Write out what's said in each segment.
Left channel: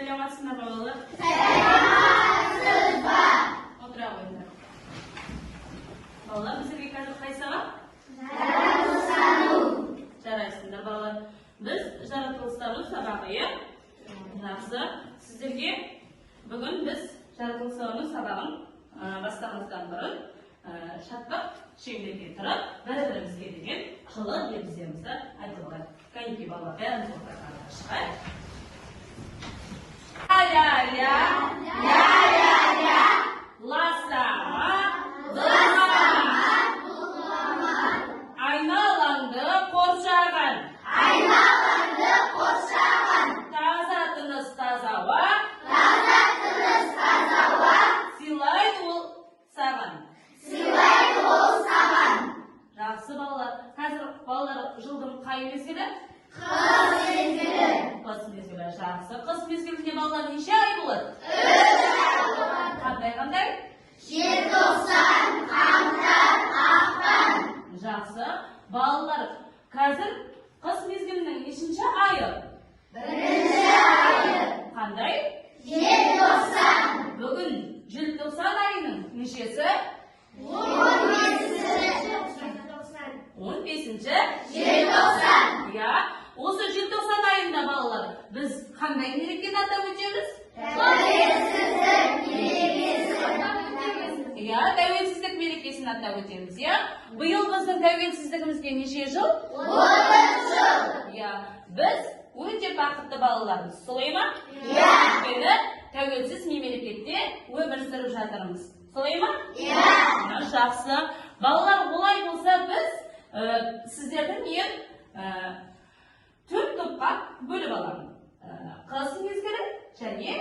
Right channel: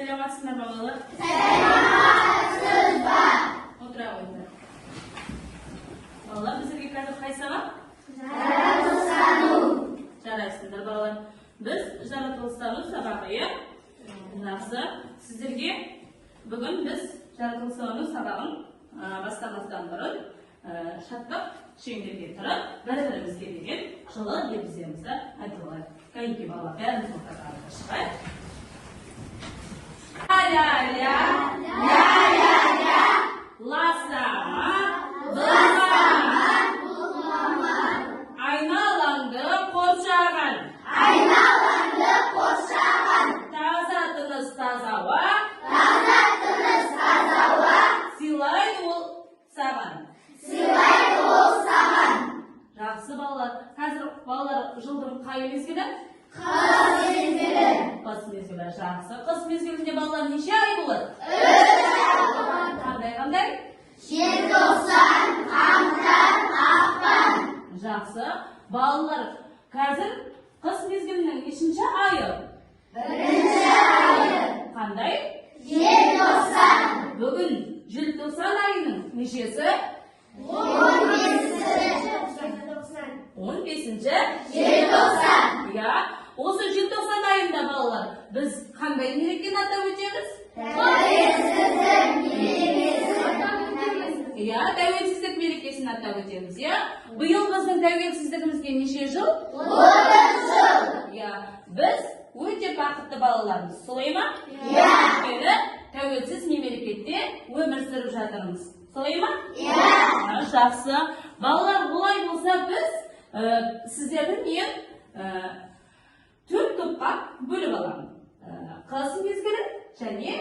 Selamünaleyküm babalar. Otura qo'yinglar. Bolalar, bizga qaysi qaysilar? Jarayapsizlar bolalar. Biz Jarayapsizlar sababiga yaxshi. Sizlarga bugun biz Jarayapsizlar sababini boshqamizdan burun chatbot shunday keltirib, bir-birimizga degan qilib yetizimizda aytib Kayinki bolalar barimiz o'qiyapmiz. Ya. Lasama. Aynalandı korşağın. Taza tınız tazava. Silay ol saman. Жақсы балалар. Қазір балалар жылдың қай мезгілі? Қыс мезгілі. Жақсы. Қыс мезгілінде балалар неше ай болады? Қандай? Желтоқсан, қаңтар, ақпан. Жақсы. Балалар, қазір қыс мезгілінің нешінші айы? Бірінші айы. Қандай? Желтоқсан. Бүгін желтоқсан айының нешесі? 15-ші желтоқсан. Ya, осы желтоқсан айында балалар, біз қандай мерекені атап өтеміз? Тәуелсіздік мерекесін атап өтеміз, ya. Биыл біздің тәуелсіздігімізге неше жыл? 30 жыл. Біз өте бақытты балалармыз, солай ма? Өйткені тәуелсіз мемлекетте өмір сүріп жатырмыз. Солай ма? Жақсы. Балалар, олай болса біз сіздердің мен 4 топқа бөліп аламын. Қыс мезгілі және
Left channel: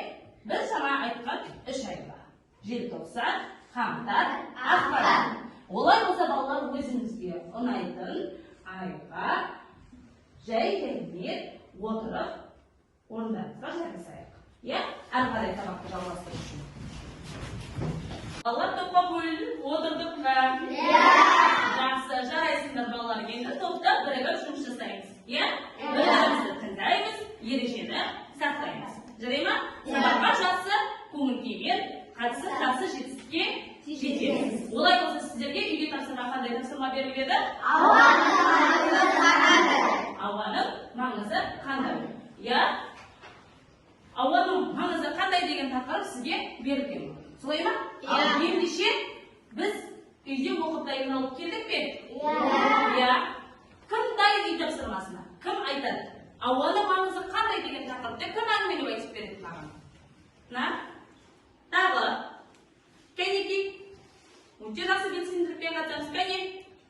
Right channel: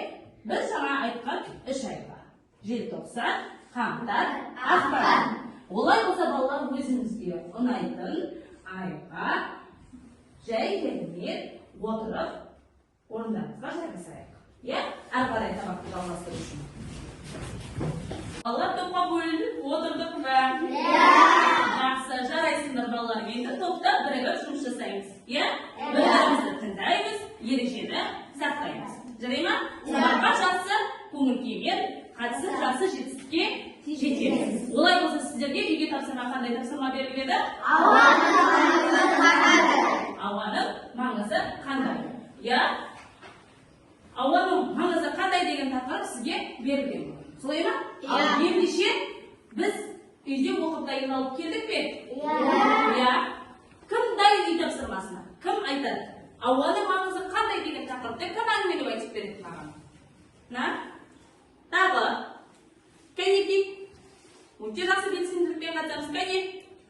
біз жаңа айтқан 3 айға. Желтоқсан, қаңтар, ақпан. Олай болса балалар өзімізге ұнайтын айға жай келмей отырып орындарымызға жайғасайық. Әрі қарай тамақты жалғастыру үшін. Балалар топқа бөлініп отырдық па? Жақсы, жарайсыңдар балалар. Енді топта бірігіп жұмыс жасаймыз. Бір-бірімізді тыңдаймыз, ережені сақтаймыз. Жарай ма? Сабаққа жақсы көңіл күймен қатысып жақсы жетістікке жетеміз. Олай болса сіздерге үйге тапсырма қандай тапсырма беріледі? Ауаның маңызы қандай? Ауаның маңызы қандай деген тақырып сізге берілген. Солай ма? Ендеше біз үйде оқып дайындалып келдік пе? Кім дайын үй тапсырмасына? Кім айтады? Ауаның маңызы қандай деген тақырыпта кім әңгімелеп айтып береді маған? Тағы. Кәнеки. Өте жақсы белсенділікпен қатысамыз. Кәне.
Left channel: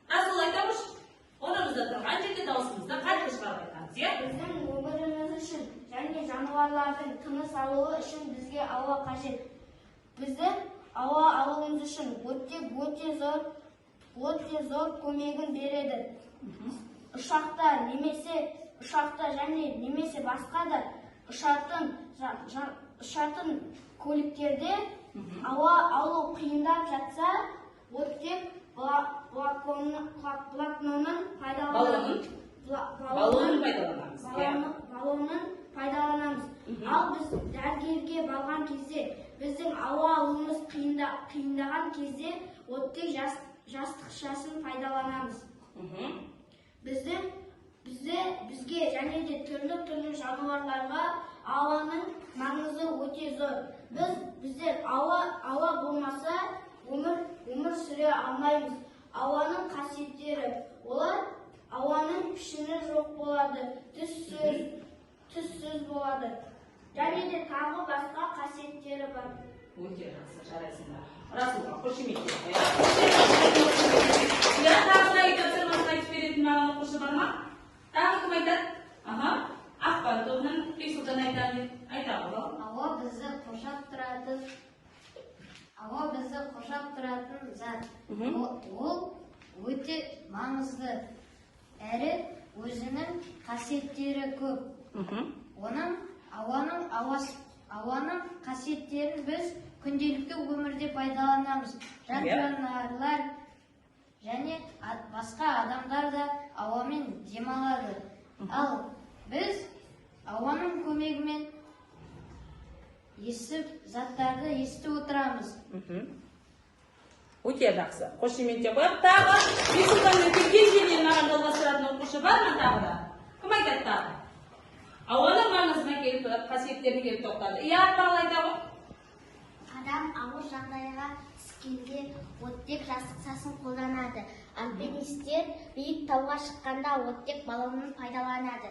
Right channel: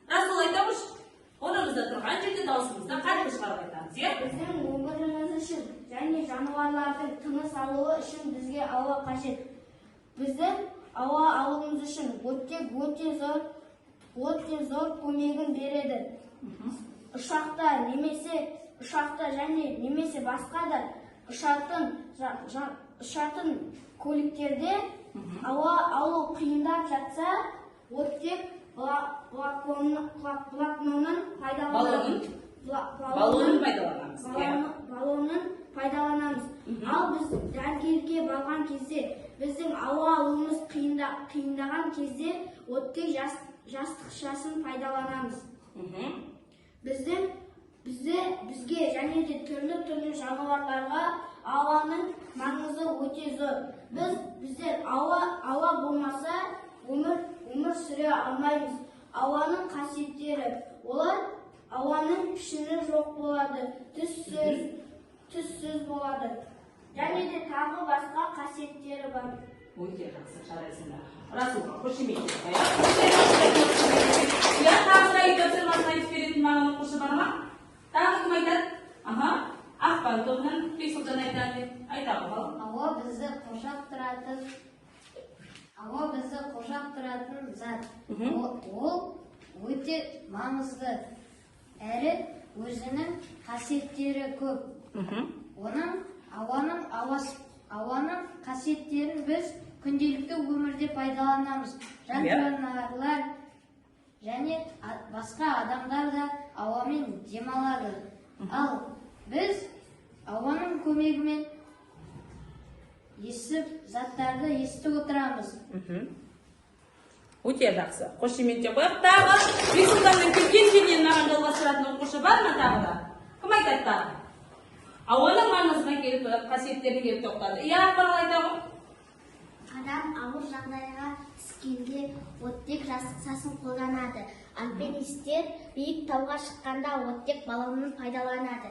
Расыл айта қойшы. Онымызда тұрған жерде даусымызды қатты шығарып айтамыз. Біздің өміріміз үшін және жануарлардың тыныс алуы үшін бізге ауа қажет. Біздің ауа алуымыз үшін өте зор көмегін береді. Ұшақта және немесе басқа да ұшатын көліктерде ауа алу қиындап жатса, оттек баллонын пайдаланамыз. Ал біз дәрігерге барған кезде, біздің ауа алуымыз қиындаған кезде оттек жастықшасын пайдаланамыз. Бізге және де түрлі жануарларға ауаның маңызы өте зор. Біздер ауа болмаса өмір сүре алмаймыз. Ауаның қасиеттері: олар ауаның пішіні жоқ болады, түссіз болады. Және де тағы басқа қасиеттері бар. Өте жақсы, жарайсыңдар. Расылға, қошемейді. Тағы үй тапсырмасын айтып беретін маған оқушы бар ма? Тағы кім айтады? Ақпан тобынан Бексұлжан айтады. Айтамын ал. Ауа бізді қоршап тұратын зат. Ол өте маңызды, әрі өзінің қасиеттері көп. Ауаның қасиеттерін біз күнделікті өмірде пайдаланамыз. Жануарлар және басқа адамдар да ауамен демалады. Ал біз ауаның көмегімен заттарды естіп отырамыз. Өте жақсы. Қошеметте қойып тағы есіктен кешеннен маған жалғастыратын оқушы бар ма тағы да? Кім айтады? Ауаның маңызына келіп қасиеттерін келіп тоқтады. Иә, тағы айтамын. Адам ауыр жағдайға түскенде оттек жасасын қолданады. Альпинистер биік тауға шыққанда оттек баллонын пайдаланады.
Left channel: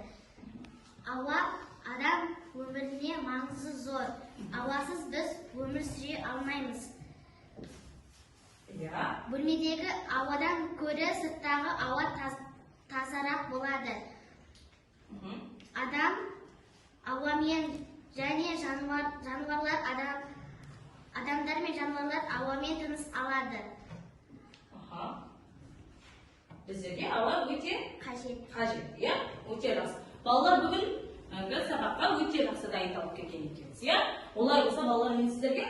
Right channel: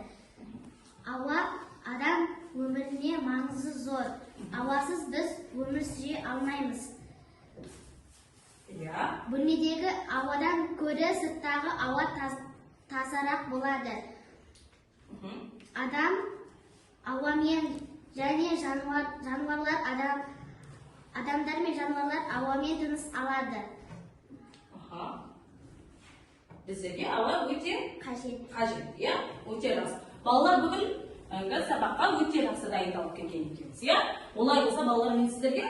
Ауа адам өміріне маңызы зор. Ауасыз біз өмір сүре алмаймыз. Бөлмедегі ауадан көрі сырттағы ауа тазарақ болады. Адам ауамен және адамдар мен жануарлар ауамен тыныс алады. Біздерге ауа өте Қажет. иә? Өте жақсы. Балалар бүгін сабаққа өте жақсы дайындалып келген екенсіз, иә? Олай болса балалар мен сіздерге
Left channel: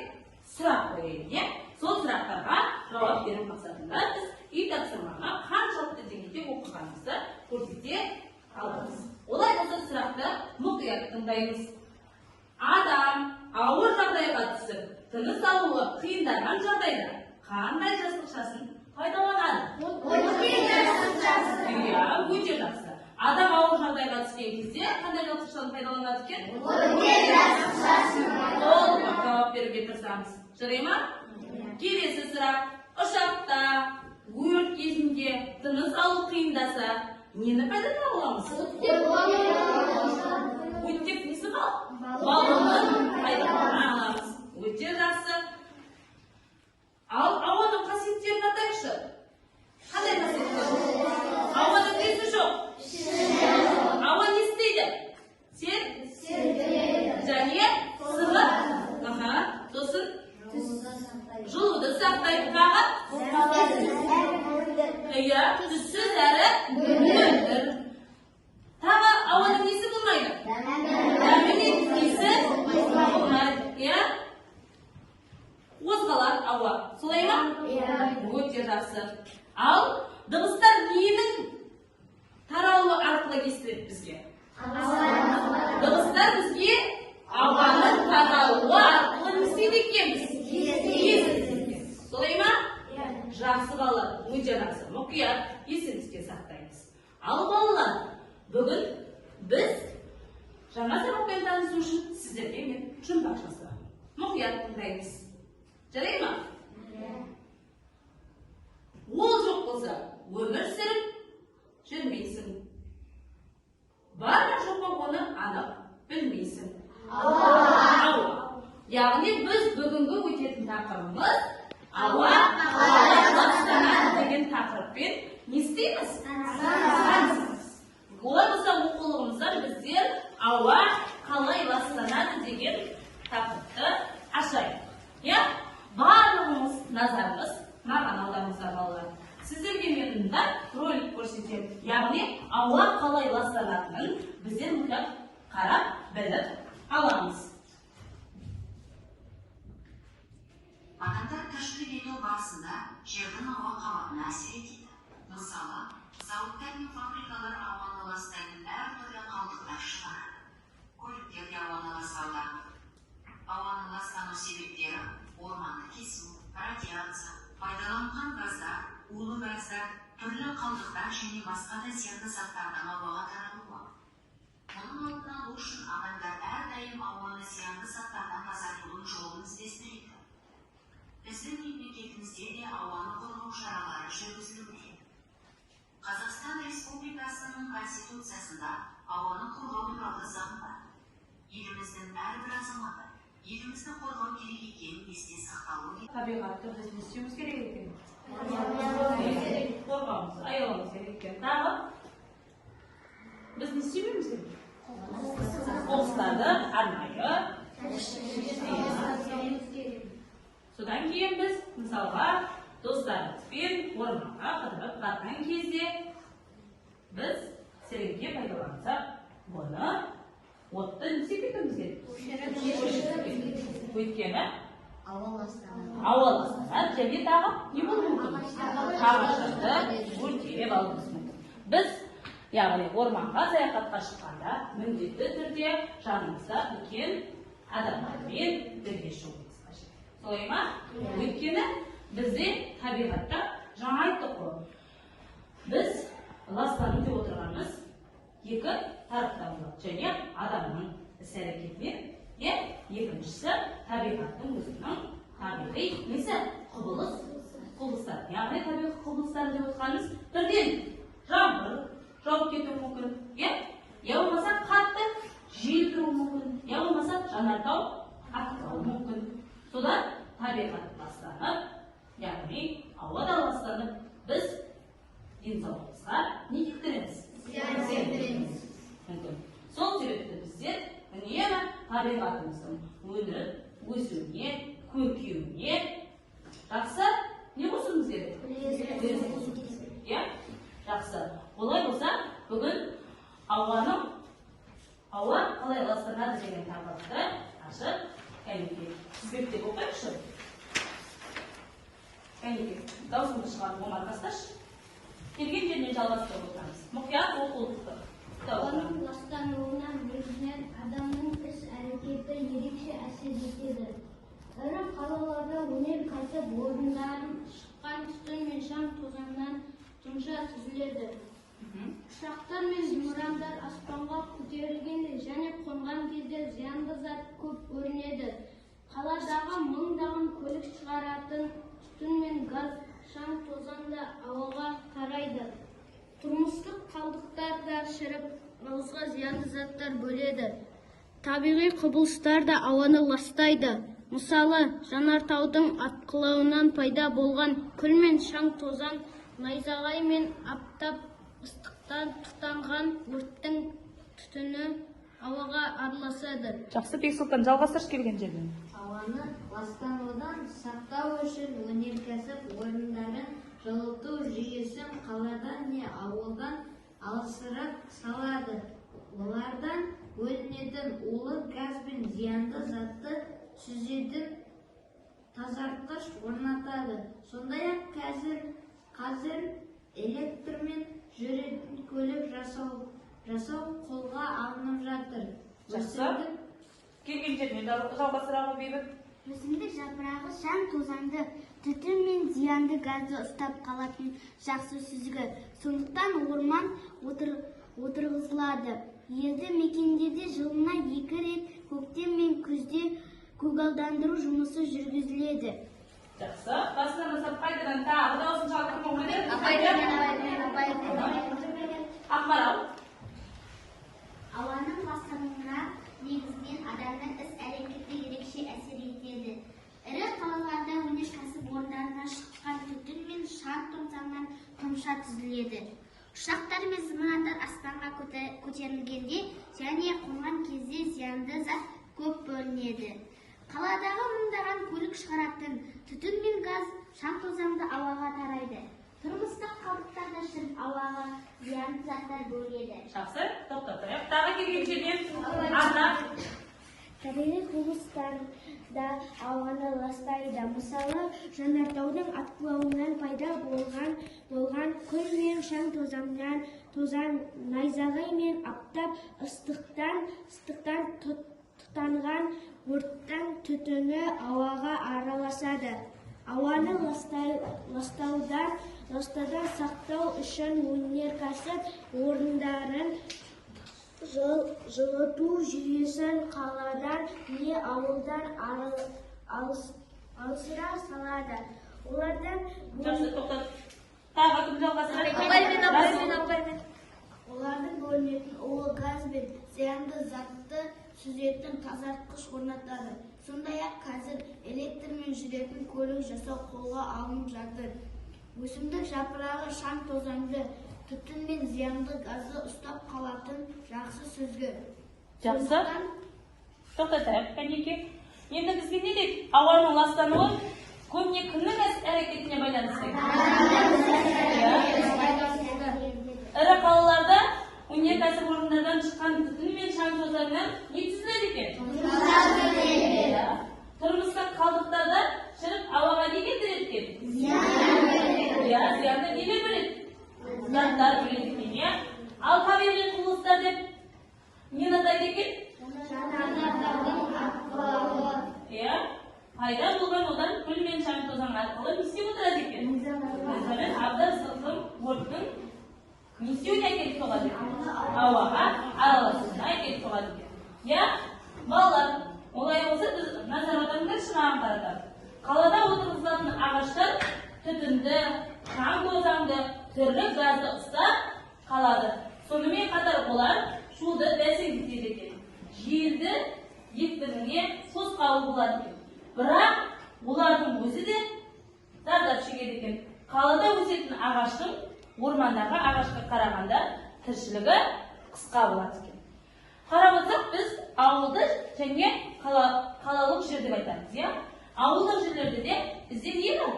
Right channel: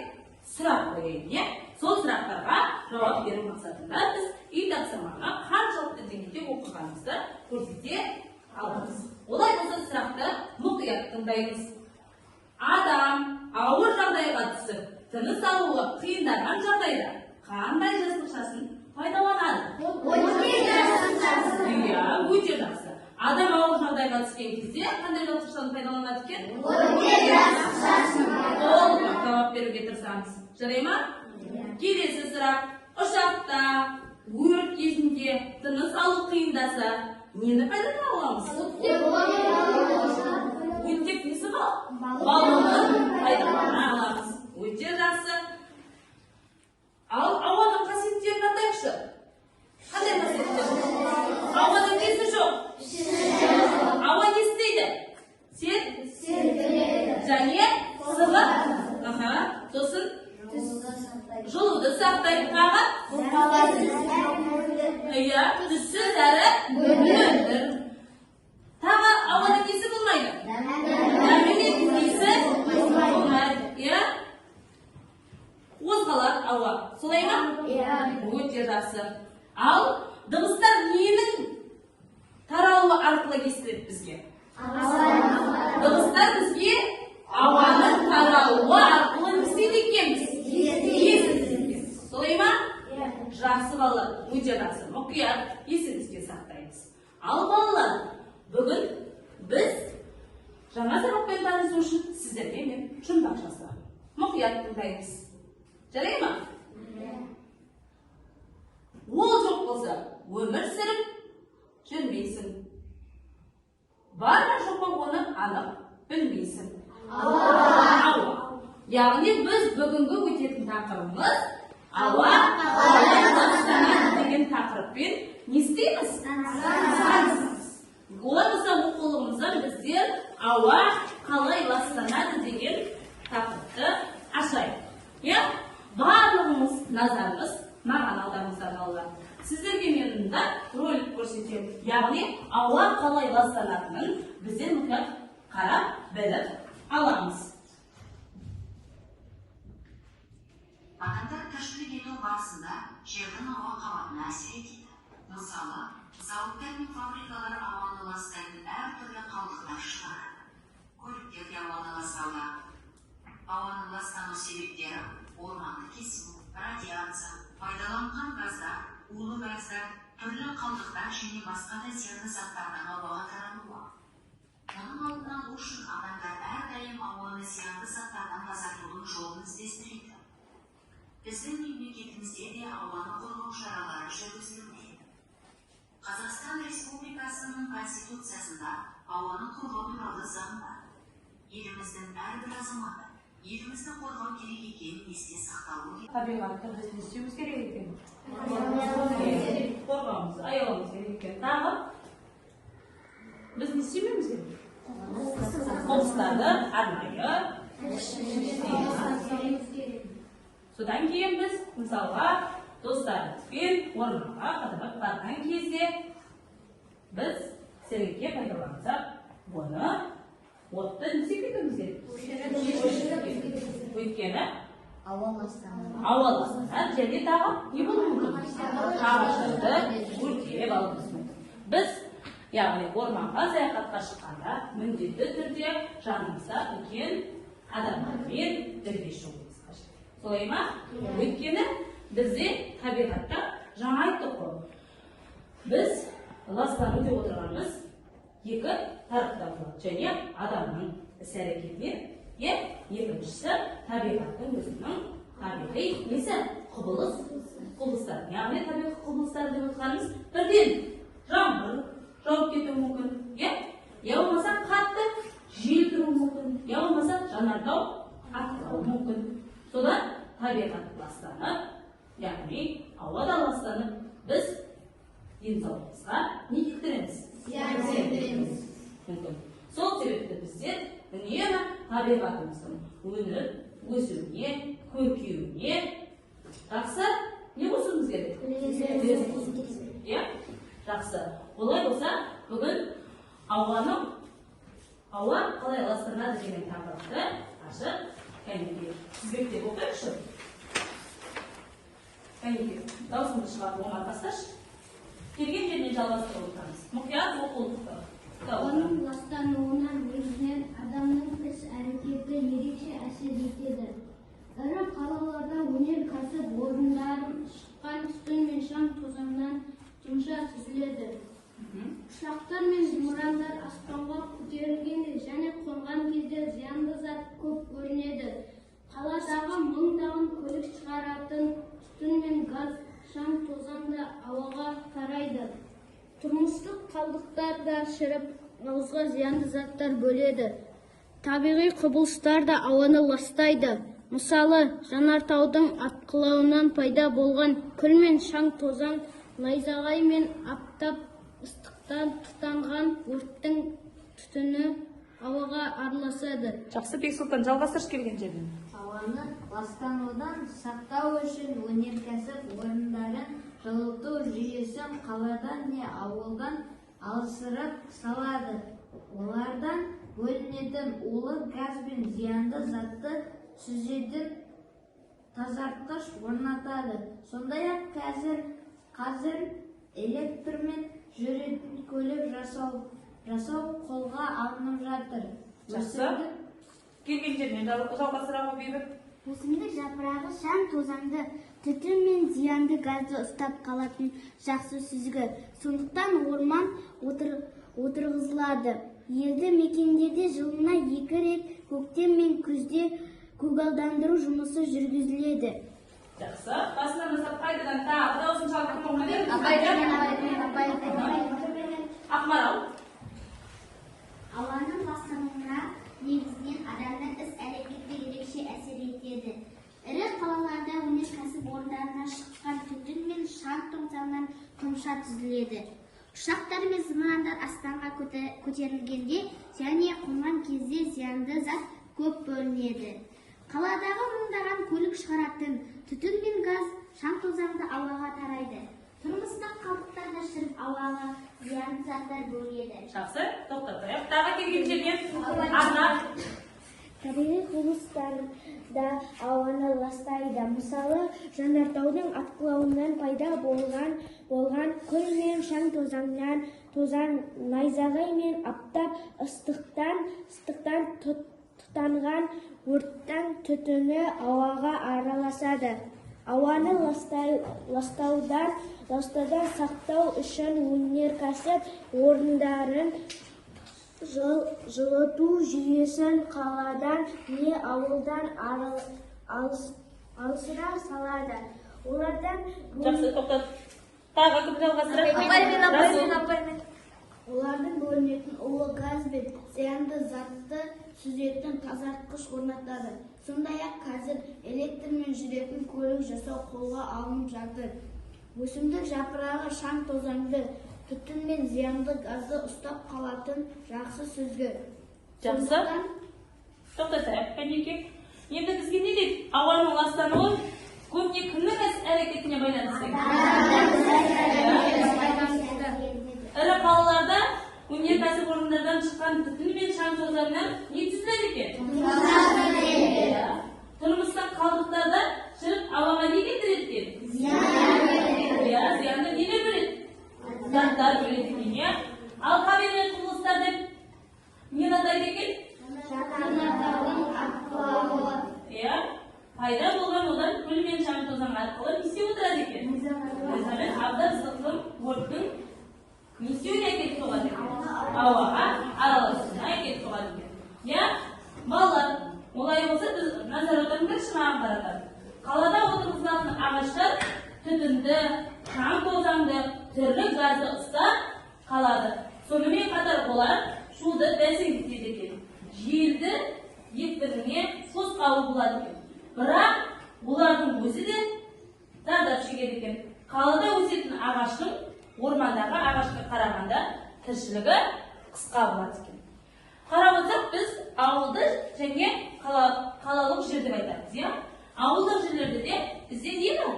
сұрақ қояйын, иә? Сол сұрақтарға жауап беру мақсатында біз үй тапсырмаға қаншалықты деңгейде оқығанымызды көрсете аламыз. Олай болса сұрақты мұқият тыңдаймыз. Адам ауыр жағдайға түсіп, тыныс алуы қиындаған жағдайда қандай жасушасын пайдаланады? Иә, өте жақсы. Адам ауыр жағдайға түскен кезде қандай жасушаны пайдаланады екен? Ол жауап беруге тырысамыз. Жарай ма? Келесі сұрақ. Ұшақта өрт кезінде тыныс алу қиындаса, нені пайдалана аламыз? Оттек несі бар? Баллонды пайдалана аламыз. Өте жақсы. Ал ауаның қасиеттерін атайықшы. Қандай қасиеттер? Ауаның несі жоқ? Ауа не істейді? Және сылып. Сосын жылуды сақтайды. Тағы? Иә, түссіз әрі мөлдір. Тағы ауаның несі болмайды? Несі болмайды. Иә? Қозғалады ауа. Солай ма? Өте жақсы. Ал дыбыстар ненің тарауы арқылы естіледі бізге? Дыбыстар бізге ауаның тарауы арқылы естиді екенбіз. Солай ма? Жақсы балалар. Өте жақсы. Мұқият есіңізге сақтаймыз. Ал балалар, бүгін біз жаңа сабақпен танысу үшін сіздерге мен жұмбақ жасаймын. Мұқият тыңдаймыз. Жарай ма? Ол жоқ болса, өмір сүріп жүрмейсің. Бар ма жоқ па оны анық білмейсің. Яғни біз бүгінгі өтетін тақырыбымыз ауа қалай ластанады деген тақырыппен не істейміз? Олай болса оқулығымыздан біздер ауа қалай ластанады деген тақырыпты ашайық. Иә? Барлығымыз назарымыз маған аударыңыздар балалар. Сіздерге мен мұнда ролик көрсетемін. Яғни ауа қалай ластанатынын біздер мұнда қарап біліп аламыз. Адамдар тіршілік ету барысында жердің ауа қабатына әсер етеді. Мысалы, зауыттар мен фабрикалар ауаны ластайтын әртүрлі қалдықтар шығарады. Көліктер де ауаны ластауда. Ауаның ластану себептері орманды кесу, радиация, пайдаланылған газдар, улы газдар, түрлі қалдықтар және басқа да зиянды заттардың ауаға таралуы. Мұның алдын алу үшін адамдар әрдайым ауаны зиянды заттардан тазартудың жолын іздестіреді. Біздің мемлекетімізде де ауаны қорғау шаралары жүргізілуде. Қазақстан Республикасының Конституциясында ауаны қорғау туралы заң бар. Еліміздің әрбір азаматы елімізді қорғау керек екенін есте сақталуы керек. Табиғатты біз не істеуіміз керек екен? Қорғауымыз, аяуымыз керек екен. Тағы біз не істемеуіміз керек? Қоқыстарды арнайы. Содан кейін біз мысалға достарымызбен орманға қыдырып барған кезде біз сәуекке пайдалансақ, бұны отты не істемеуіміз керек? Өйткені ауа ластанады. Жерде тағы не болуы мүмкін? Ағаштарды өртеп алуымыз. Біз яғни орманға саяхатқа шыққанда міндетті түрде жанымызда үлкен адамдармен бірге шығуымыз қажет. Солай ма? Өйткені бізде табиғатта жаңа айттық қой. Біз ластану деп отырғанымыз екі тараптан болады, және адамның іс-әрекеті, екіншісі табиғаттың өзінің табиғи несі құбылыстар. Яғни табиғи құбылыстар деп отырғанымыз бірден жаңбыр жауып кетуі мүмкін, я болмаса қатты жел тұруы мүмкін, я болмаса жанартау атқаруы мүмкін. Содан табиғат ластанып, яғни ауада ластанып, біз денсаулығымызға не келтіреміз? Сол себепті біздер үнемі табиғатымыздың өніп, өсуіне, көркеюіне жақсы не болсымыз керек? Жақсы. Олай болса, бүгін ауа қалай ластанады деген тақырыпты ашып, кәнекей тізбектеп отырайықшы. Кәнекей, даусыңды шығарып оңға тасташы. Келген жеріне жалғастырып отырамыз. Мұқият оқулықты. Оның ластануынан өзінен адамның іс-әрекеті ерекше әсер етеді. Ірі қалаларда өнеркәсіп орындары шыққан түтін мен шаң тозаңнан тұнша түзіледі. Ұшақтар мен зымырандар аспанға көтерілгенде және қонған кезде зиянды зат көп көрінеді. Қаладағы мыңдаған көлік шығаратын түтін мен газ, шаң тозаң да ауаға тарайды. Тұрмыстық қалдықтар да шіріп, ауызға зиянды заттар бөледі. Табиғи құбылыстар да ауаны ластайды. Мысалы, жанартаудың атқылауынан пайда болған күл мен шаң тозаң, найзағай мен аптап ыстықтан тұтанған өрттің түтіні ауаға араласады. Жақсы, Бексұлтан, жалғастыршы келген жерден. Ауаны ластанудан сақтау үшін өнеркәсіп орындары жылыту жүйесін қаладан не ауылдан алысырақ салады. Олардан бөлінетін улы газ бен зиянды затты сүзетін тазартқыш орнатады. Сондай-ақ қазір электрмен жүретін көлік жасау қолға алынып жатыр. Келген жермен жалғастырамыз бейбіт. Өсімдік жапырағы шаң тозаңды, түтін мен зиянды газды ұстап қалатын жақсы сүзгі. Сондықтан орман отырғызылады. Елді мекендерде жылына 2 рет көктем мен күзде көгалдандыру жұмысы жүргізіледі. Жақсы. Басынан бастап қайтадан тағы дауысын шалқып болмайды. Ақмарал. Ауаның ластануына негізінен адамның іс-әрекеті ерекше әсер етеді. Ірі қалаларда өнеркәсіп орындарынан шыққан түтін мен шаң тозаңнан тұмша түзіледі. Ұшақтар мен зымырандар аспанға көтерілгенде және қонған кезде зиянды зат көп бөлінеді. Қаладағы мыңдаған көлік шығаратын түтін мен газ, шаң тозаңды ауаға тарайды. Тұрмыстық қалдықтар да шіріп ауаға зиянды заттар бөлінеді. Жақсы, тоқтап тұрайық. Тағы келген жерден атап. Табиғи құбылыстар да ауаны ластайды. Мысалы, жанартаудың атқылауынан пайда болған күл мен шаң тозаң, найзағай мен аптап ыстықтан тұтанған өрттің түтіні ауаға араласады. Ауаны ластаудан сақтау үшін өнеркәсіп орындарын жылыту жүйесін қаладан не ауылдан алысырақ салады. Олардан Жақсы, тоқтат. Тағы кім жалғастырады? Олардың бөлінетін улы газ бен зиянды затты сүзетін тазартқыш орнатады. Сондай-ақ қазір электрмен жүретін көлік жасау қолға алынып жатыр. Өсімдік жапырағы шаң тозаңды, түтін мен зиянды газды ұстап қалатын жақсы сүзгі. Жақсы. Тоқтатайық, кәнекей. Енді бізге не дейді? Ауаның ластануы көбіне кімнің әрекетіне байланысты? Ірі қалаларда өнеркәсіп орындардан шыққан түтін мен шаң тозаңнан не түзіледі екен? Тұрмыстық қалдықтарда шіріп ауаға не келтіреді екен? Зиянды неге бөледі? Заттар бөледі екен. Ал табиғи құбылыстар деп не атайды екен? пайда болған одан күл мен шаң тозаң арқылы не істеп отырады екен? Абзал ыстықтың, өрттің не істеуіне әкеліп соғады екен? Ауаға араласуына әкеліп соғады екен. Иә, балалар, олай болса біз назар аударыңыздаршы маған қараңдар. Қалада отырғызылатын ағаштар түтінді, шаң тозаңды, түрлі газды ұстап қалады. Сонымен қатар олар шуды бәсеңдетеді екен. Желді екпініне тосқауыл болады екен. Бірақ олардың өзі де зардап шегеді екен. Қалада өсетін ағаштың ормандағы ағашқа қарағанда тіршілігі қысқа болады екен. Қараңыздар, біз ауылды және қалалық жер деп айтамыз, иә? Ауылдық жерлерде де бізде не бар?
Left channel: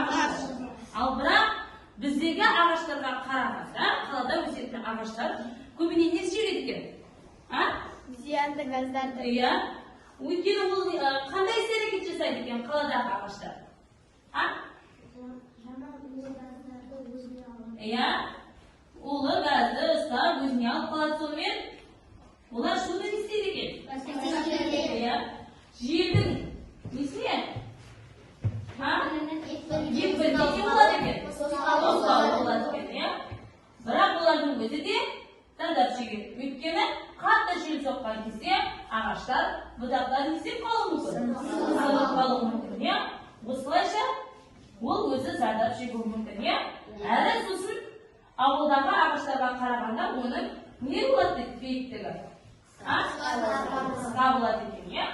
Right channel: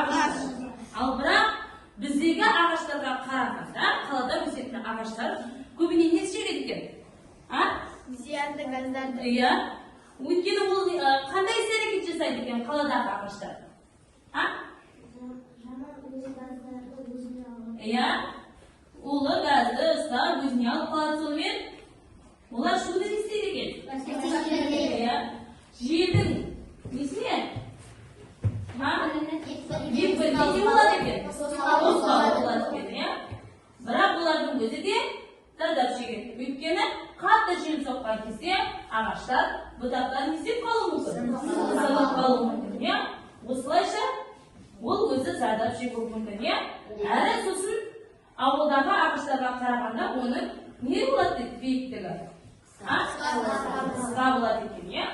Ағаштар. Ал бірақ біздегі ағаштарға қарағанда қалада өсетін ағаштар көбіне не істейді екен? Зиянды газдарды. Иә. Өйткені ол қандай іс-әрекет жасайды екен қаладағы ағаштар? Иә. Улы газды ұстап өзіне алып қалады, сонымен олар шуды не істейді екен? Иә. Желдің несіне? Екпіні не болады екен? Тосқауыл болады екен, иә. Бірақ олардың өзі де зардап шегеді. Өйткені қатты жел соққан кезде ағаштар бұтақтан не істеп қалуы мүмкін? Сылып қалуы мүмкін, иә. Осылайша ол өзі зардап шегуі мүмкін, иә. Әрі сосын ауылдағы ағаштарға қарағанда оның не болады биіктігі? Қысқа болады екен, иә.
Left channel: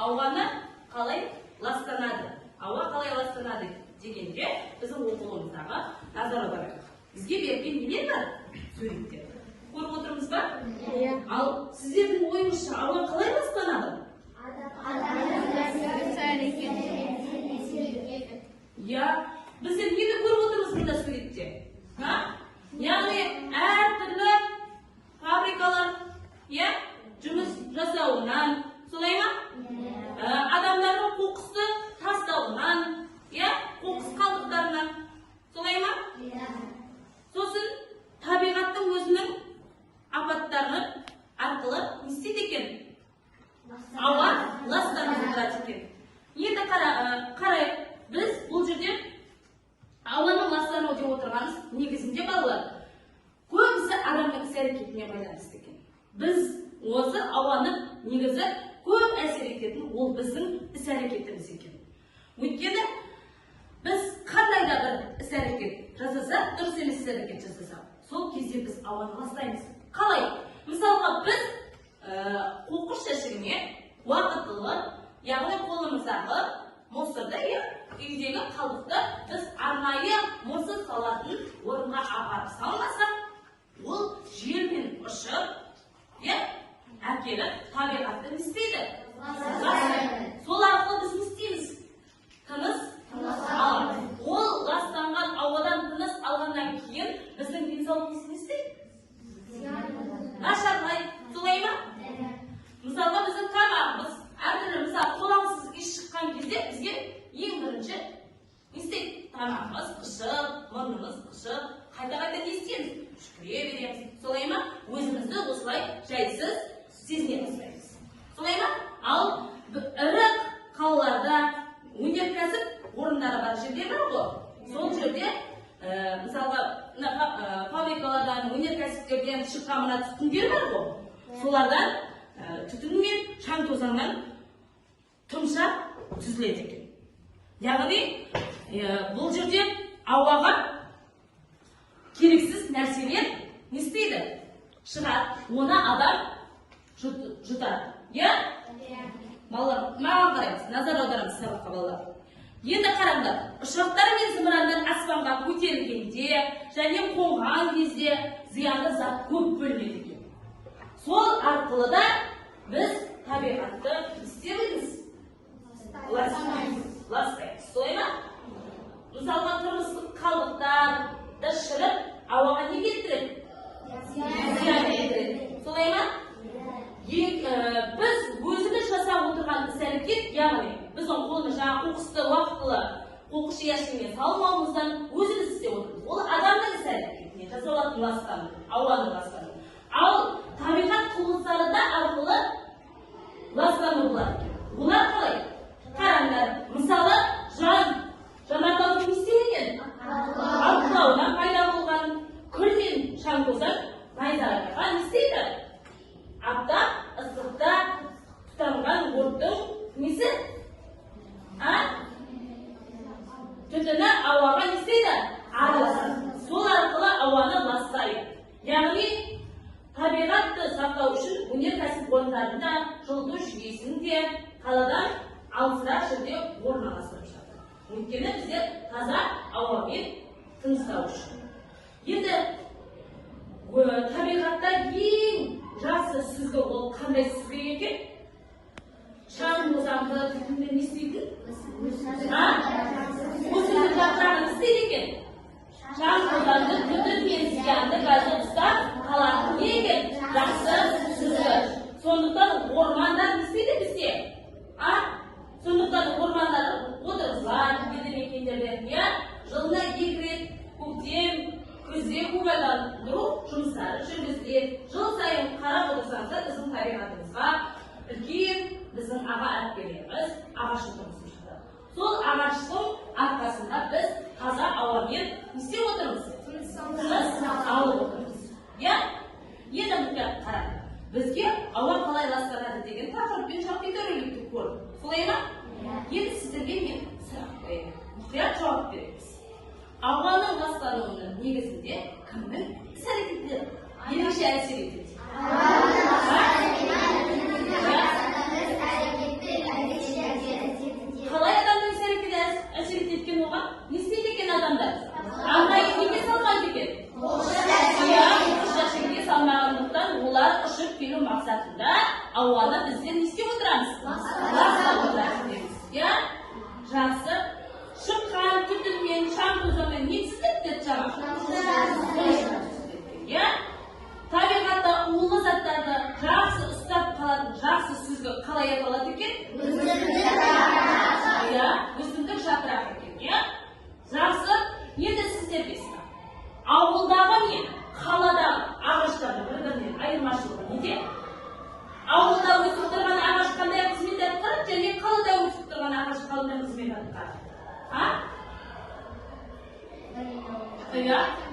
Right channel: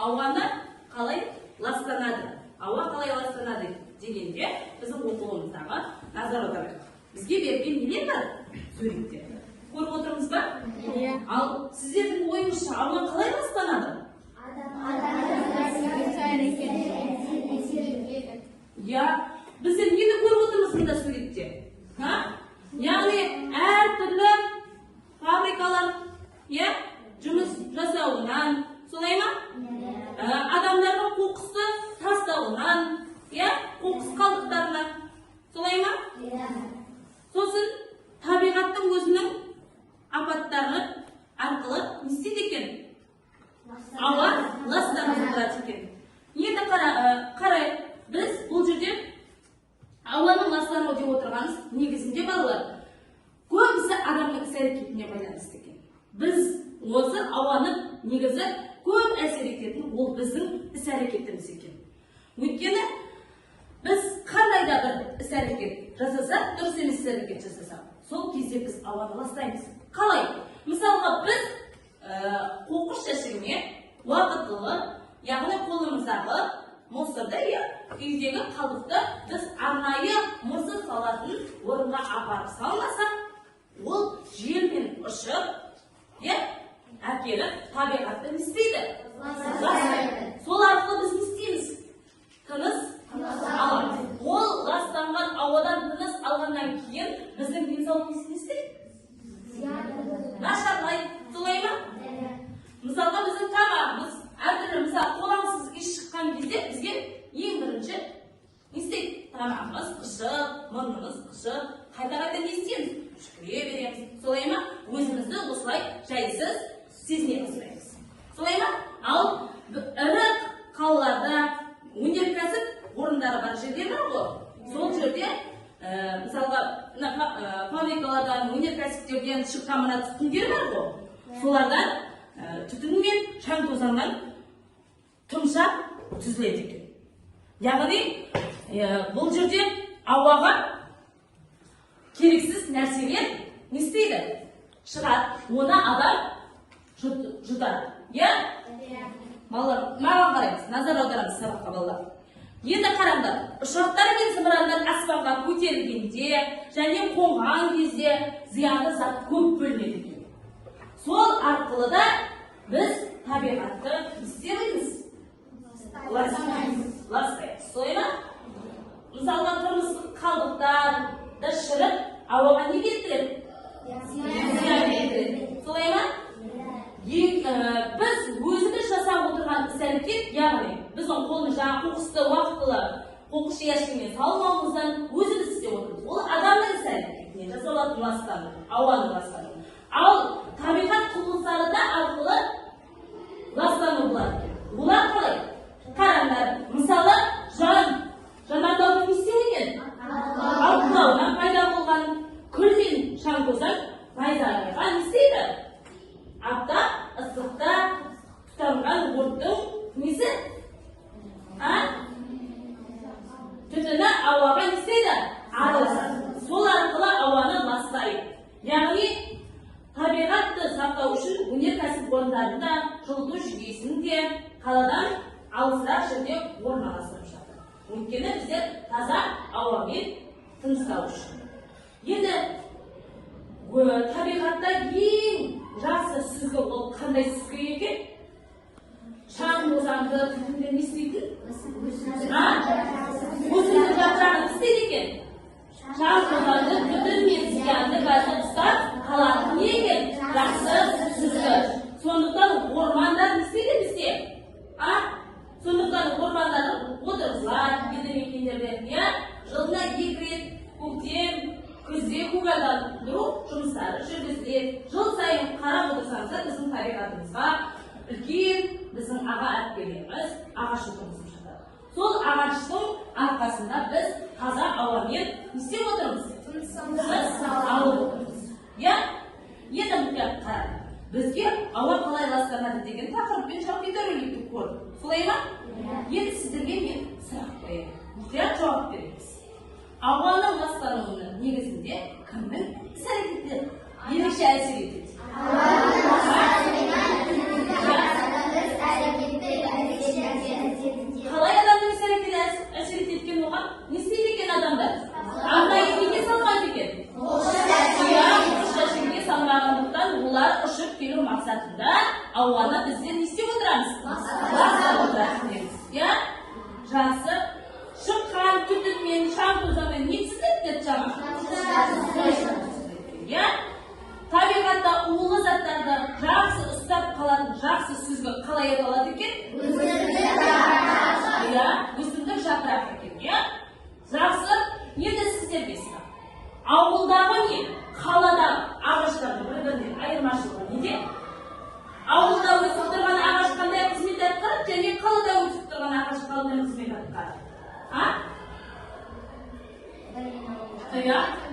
Ауаны қалай ластанады? Ауа қалай ластанады дегенде біздің оқуымыздағы назар аударайық. Бізге берген не бар? Суреттер. Көріп отырмыз ба? Ал сіздердің ойыңызша ауа қалай ластанады? Я, біздер нені көріп отырмыз мында суретте? Яғни әртүрлі фабрикалар жұмыс жасауынан, солай ма? Адамдардың қоқысты тастауынан, қоқыс қалдықтарынан, солай ма? Сосын табиғаттың өзінің апаттары арқылы не істейді екен? Ауа ластанып отырады екен. Енді қарайық, біз бұл жерде ауаның ластануы деп отырғанымыз негізінде балалар көбісі адамның іс-әрекетіне байланысты екен. Біз осы ауаны негізі көп әсер ететін ол біздің іс-әрекетіміз екен. Өйткені біз қандай да бір іс-әрекет жасасақ, дұрыс емес іс-әрекет жасасақ, сол кезде біз ауаны ластаймыз. Қалай? Мысалға біз қоқыс жәшігіне уақытылы, яғни қолымыздағы мусорды, үйдегі қалдықты біз арнайы мусор салатын орынға апарып салмасақ, ол желмен ұшып, әкеліп табиғатты не істейді? Сол арқылы біз не істейміз? Тыныс аламыз. Ол ластанған ауадан тыныс алғаннан кейін біздің денсаулығымыз не істейді? Нашарлайды, солай ма? Мысалға біздің тамағымыз әртүрлі, мысалы қолаңсыз иіс шыққан кезде бізге ең бірінші не істейді? Тамағымыз қышып, мұрнымыз қышып, қайта-қайта не істейміз? Жүгіре береміз, солай ма? Өзімізді осылай жайсыз сезіне бастаймыз. Солай ма? Ал ірі қалаларда өнеркәсіп орындары бар жерде бар ғой. Сол жерде мысалға фабрикалардан, өнеркәсіптерден шыққан мына түтіндер бар ғой. Солардан түтін мен шаң тозаңнан тұмшақ түзіледі екен. Яғни бұл жерде ауаға керексіз нәрселер не істейді? Шығады. Оны адам жұтады. Балалар, маған қарайсыз, назар аударамыз сабаққа балалар. Енді қараңдар, ұшақтар мен зымырандар аспанға көтерілгенде және қонған кезде зиянды зат көп бөлінеді екен. Сол арқылы да біз табиғатты істейміз. Ластаймыз. Солай ма? Мысалға тұрмыстық қалдықтарды шіріп, ауаға не келтіреді? Зиян келтіреді. Солай ма? Біз өзіміз жасап отырған іс-әрекет, яғни біздің қолымыз жаңа қоқысты уақытылы қоқыс жүйесімен салмауымыздан өзіміз істеп отырмыз. Ол адамның іс-әрекетіне жасалатын ластану, ауаның ластануы. Ал табиғат құбылыстары да арқылы өнеркәсіп орындарында жылыту жүйесін де қаладан алысырақ жерде орналастырып жатыр. Өйткені біздер таза ауамен тыныс алу үшін. Енді табиғатта ең жақсы сүзгі ол қандай сүзгі екен? Шаң тозаңды түтінді не істейді? Осындай батыраны істейді екен. Шаң тозаңды түтін мен зиянды газды ұстап қалатын не екен? Жақсы сүзгі. Сондықтан ормандар не істейді бізге? Сондықтан ормандар отырғызылады, елді мекендерде жылына 2 рет көктем, күзде көгалдандыру жұмыстары жүргізіледі. Жыл сайын қарап отырсаңыздар біздің табиғатымызға үлкен біздің аға әріптестеріміз ағаш отырғызып жатыр. Сол ағаштың арқасында біз таза ауамен істеп отырмыз. Тыныс алып отырмыз. Енді мұқтап қарап. Бізге ауа қалай ластанады деген тақырыппен жағдайлар көрдік. Солай ма? Енді сіздерге мен сұрақ қоямын. Мұқият жауап береміз. Ауаның ластануының негізінде кімнің іс-әрекеттері ерекше әсер етеді? Қалай адамның іс-әрекеті әсер ететін оған? Не істейді екен адамдар? Арнайы күйме салмайды екен? Күйме салмағандықтан олар ұшып келу мақсатында ауаны бізден не істеп отырамыз? Ластап отырамыз. Жақсы. Шыққан түтінмен, шаң тозаңмен не түсінеді жаңа? Табиғатта улы заттарды жақсы ұстап қалатын жақсы сүзгі қалай аталады екен? Өсімдік жапырақ екен. Жақсы. Енді сіздер білесіздер. Ауылдағы мен қаладағы ағаштардың бір-бірінен айырмашылығы неде? Ауылда өсіп тұрған ағаш қандай қызмет атқарады, және қалада өсіп тұрған ағаш қандай қызмет атқарады?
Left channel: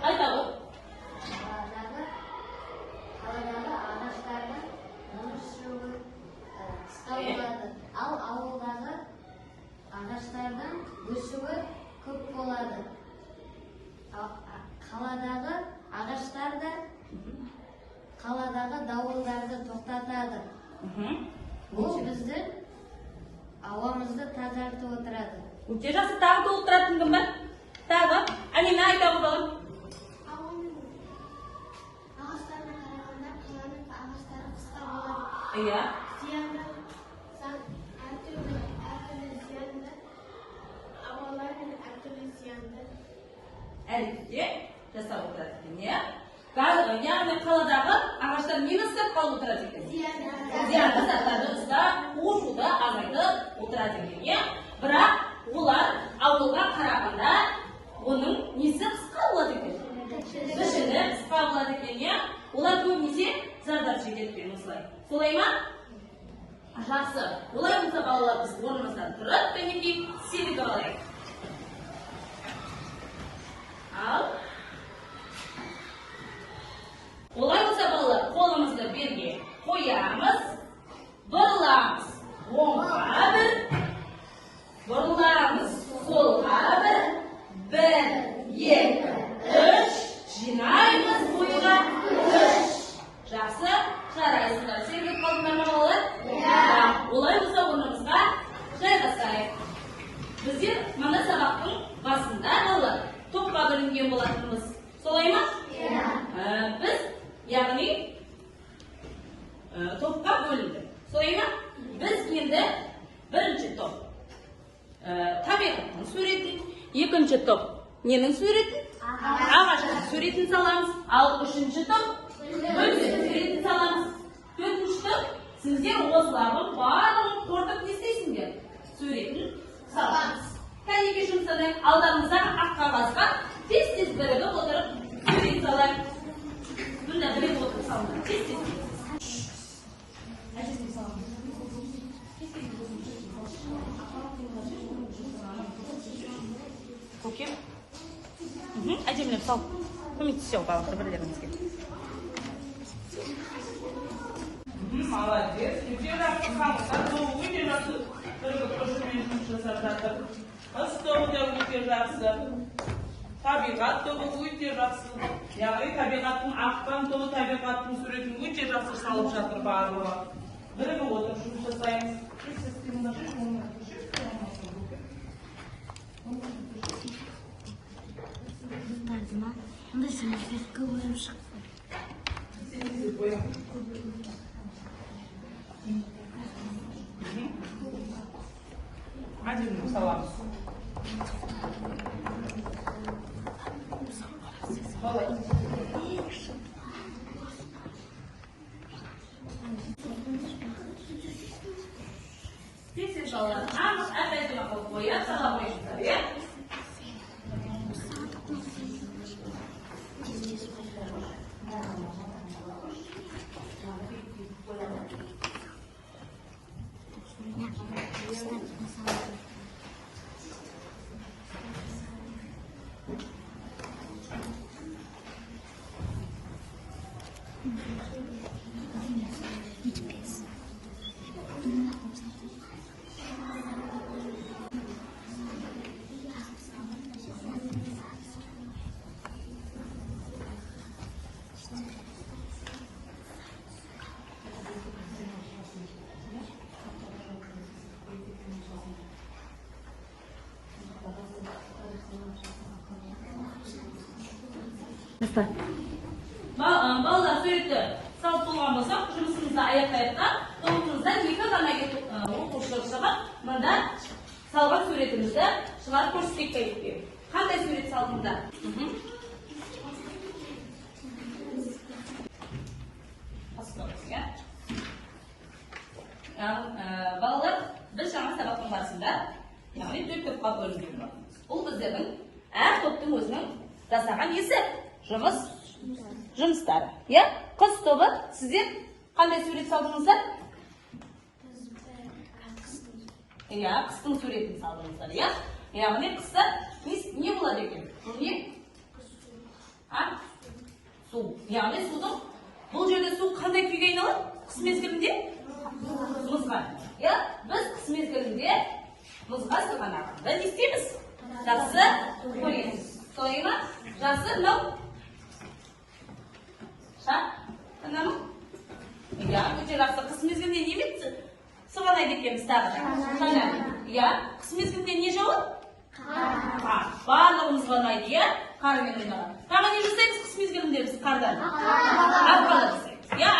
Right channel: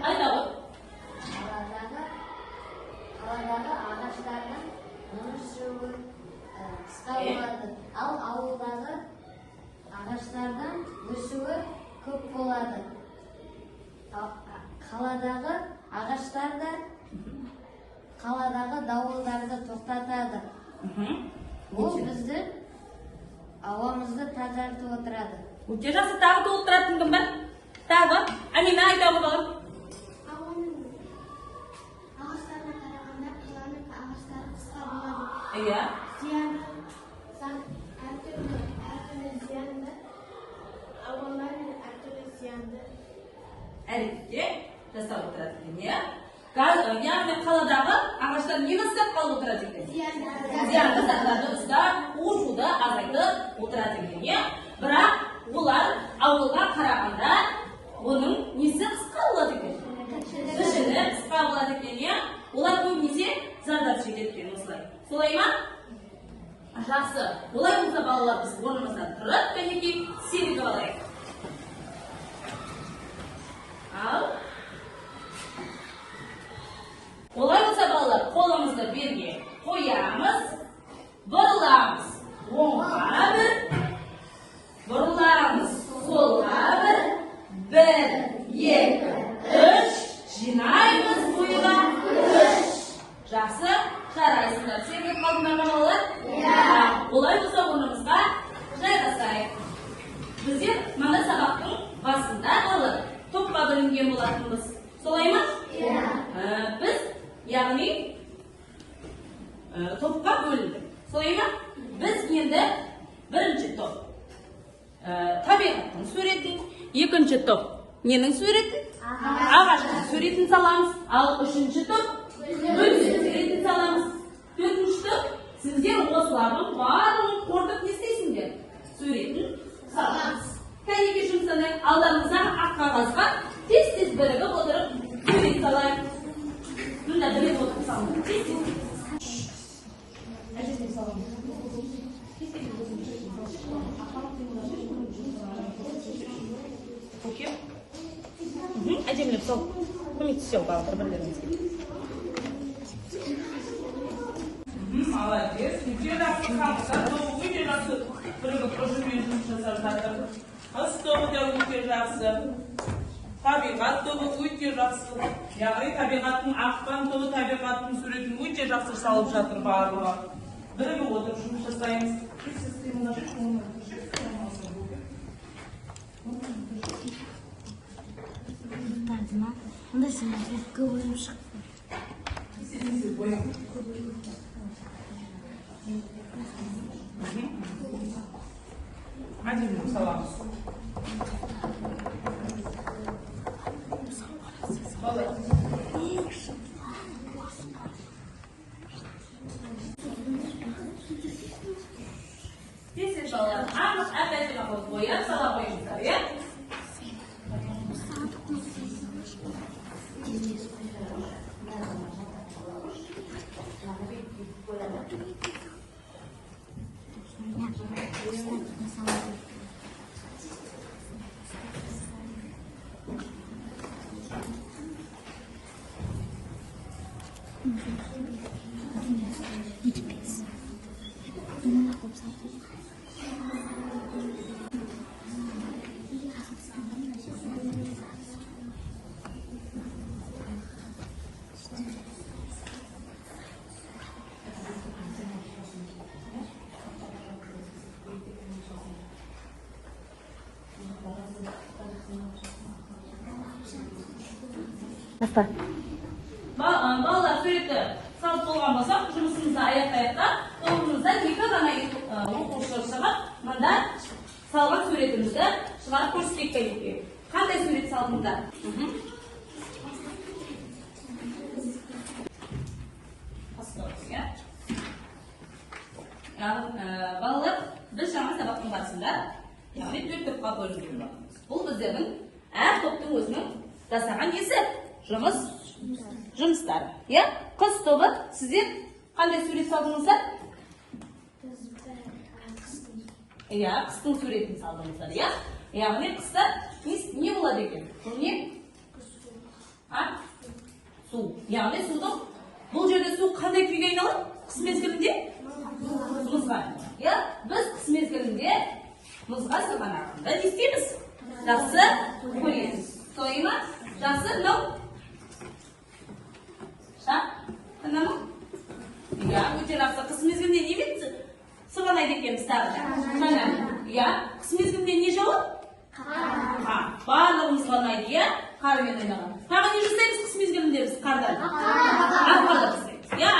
Айтады. Қаладағы ағаштардың өсуі қысқарады. Ал ауылдағы ағаштардың өсуі көп болады. Қаладағы ағаштарды қаладағы дауылдарды тоқтатады. Бұл біздің ауамызды тазартып отырады. Өте жақсы тағы отыратын кімді? Тағы, Әлима айта отырып. Ағаштарға қарағанда қаланың ағаштары қысқа болады. Зияны? Әртүрлі зиянды, ауалар мен әртүрлі зиянды. Әрекетте жасап отырады екен, яғни қаладағы ағаштар нені ұстап қалып отырады екен? Зиянды заттарды ұстап, ушуды азайтып отырады екен. Бірақ олар ауылға қарағанда оның несі қысқа болады екен? Кішілі қысқа болады екен. Олар көбінесе зардап шегеді екен осылай. Солай ма? Жақсы. Олай болса балалар біз орнымыздан тұрып, кәнекей сеніп алайық. Ал олай болса балалар қолымызды берге қоямыз, бұрыламыз оңға бір, бұрыламыз солға бір, 1, 2, 3, жинаймыз бойға 3. Жақсы, жарайсыңдар. Сеніп қалыңдар ма балалар? Олай болса орнымызға жайғасайық. Біздер мана сабақтың басында қалды. Топқа бөлінген болатынбыз. Солай ма? Біз, яғни, топқа бөлінді. Солай ма? Біз енді бірінші топ. Табиғаттың суретін, екінші топ. Ненің суретін? Ағаштың суретін саламыз. Ал үшінші топ, өзінің суретін саламыз. Төртінші топ, сіздер осылардың барлығын қорытып не істейсіңдер? Суретін саламыз. Кәнекей жұмсаны алдарыңыздан ақ қағазға тез-тез бірігіп отырып сурет салайық. Мұнда бірігіп отырып салыңдар. Көкем? Әдемілеп сал. Көмек түсе отырады бір-бірлеріңізге. Молодец. Өте жақсы қамыстар. Өте жақсы бірігіп ұжыммен жұмыс жасап жатыр. Қыз тобы да өте жақсы. Табиғат тобы өте жақсы. Яғни табиғаттың аққан тобы табиғаттың суретін өте жақсы салып жатыр барлығы. Бірігіп отырып жұмыс жасаймыз. Ondan sonra kıvırım çıktı. Один саламыз. Тесік балалар, әп-әппен қойып қояды, сала қойып қояды. Балалар суретті салып болған болсақ, жұмысымызды аяқтайықта, тобымызда 2 ғана оқушылар шығып, мында салған суретімізді шығарып көрсетейік керек. Қандай сурет салдыңыздар? Балалар, біз жаңа сабақтың барысында, яғни 4 топқа бөлінген. Бұл біздердің әр топтың өзінің жасаған несі? Жұмыстары. Қыз тобы, сіздер қандай сурет салдыңыздар? Қыстың суретін салдыңыздар. Яғни қыста не болады екен? Не? Су. Яғни судың бұл жерде су қандай күйге айналады? Қыс мезгілінде? Мұзға. Біз қыс мезгілінде мұзға сырғанағанда не істейміз? Жақсы көреміз. Солай ма? Жақсы мынау? Өте жақсы. Қыс мезгілінде не бетті? Сырғанайды екенбіз тағы. Қыс мезгілінде не жауады? Қар. Барлығымыз сырғанайды, қармен ойнаған. Тағы не жасаймыз қыс мезгілінде біз қардан? Аққала жасаймыз.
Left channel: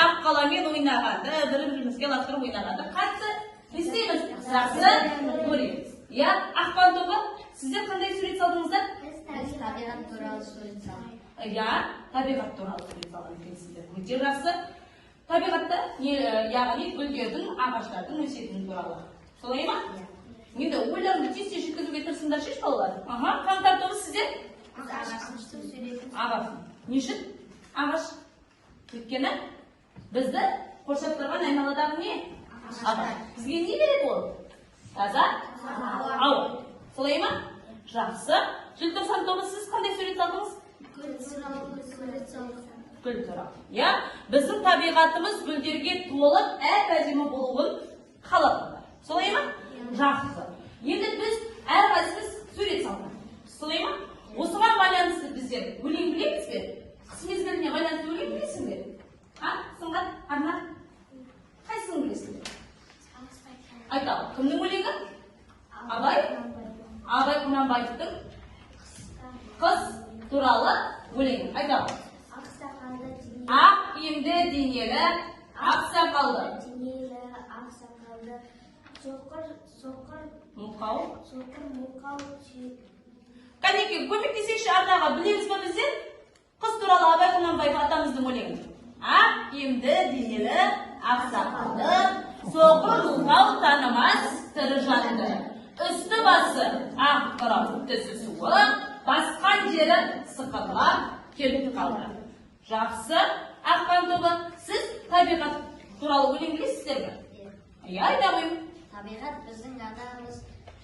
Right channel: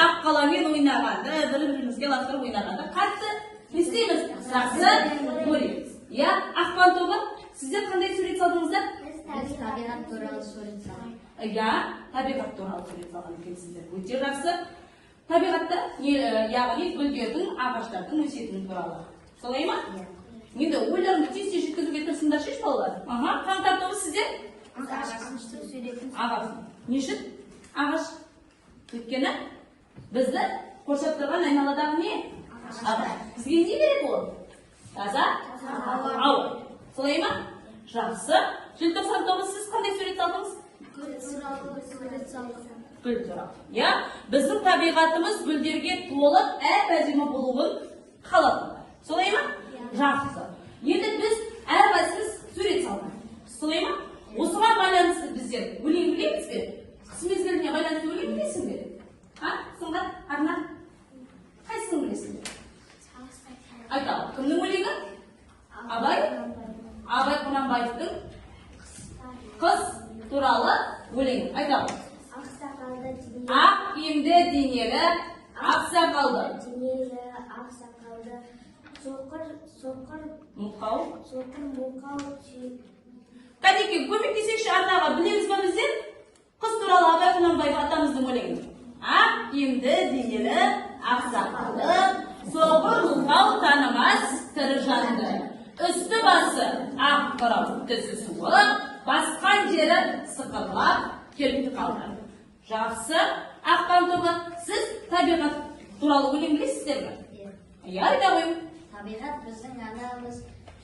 Аққаламен ойнағанды, бір-бірімізге лақтырып ойнағанды қатты не істейміз? Жақсы көреміз. Ақпан тобы, сіздер қандай сурет салдыңыздар? Табиғат туралы сурет салдым. Табиғат туралы сурет салған екенсіздер. Өте жақсы. Табиғатта, яғни гүлдердің, ағаштардың өсетіні туралы. Солай ма? Енді ойларымды тез жеткізуге тырысыңдар шеш балалар. Қаңтар тобы сіздер? Ағаштың суретін. Ағаш. Не үшін? Ағаш. Өйткені бізді қоршап тұрған айналадағы не? Ағаш. Бізге не береді ол? Таза? Ауа. Солай ма? Жақсы. Желтоқсан тобы сіз қандай сурет салдыңыз? Гүл туралы. Біздің табиғатымыз гүлдерге толып, әп-әдемі болуын қалауында. Солай ма? Жақсы. Енді біз әрқайсымыз сурет салдық. Солай ма? Осыған байланысты біздер өлең білеміз бе? Қыс мезгіліне байланысты өлең білесің бе? Сынған, Арман? Қайсысын білесің бе? Айтамын. Кімнің өлеңі? Абай? Абай Құнанбаевтың қыс туралы өлеңі. Айтамын. Ақ киімді денелі, ақ сақалды. Кәнекей, көмектесейікші арнаға білеміз ба біздер? Қыс туралы Абай Құнанбаев атамыздың өлеңін. Ақ киімді денелі, ақ сақалды, соқыр мылқау танымас тірі жанды. Үсті басы ақ қырау, түсі суы, басқан жері сықырлап келіп қалды. Жақсы, Ақпан тобы, сіз табиғат туралы өлең білесіздер ме? Айта қойың. Табиғат біздің анамыз,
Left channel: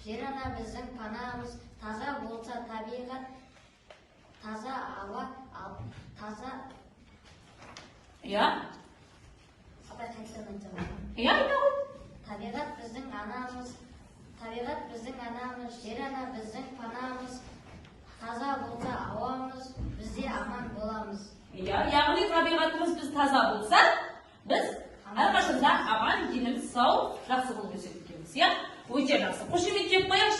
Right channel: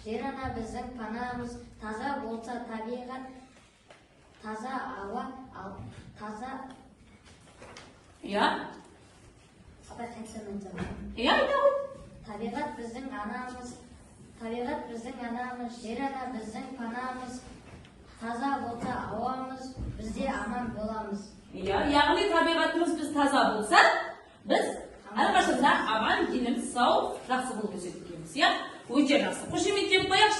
жер ана біздің панамыз, таза болса табиғат, таза ауа, таза... Табиғат біздің анамыз, жер ана біздің панамыз, таза болса ауамыз, бізде аман боламыз. Яғни табиғатымыз біз таза болса, Biz әрқашанда аман, денім сау, жақсы болып көрсетеміз, иә? Өте жақсы. Қошемет беріп қояйық,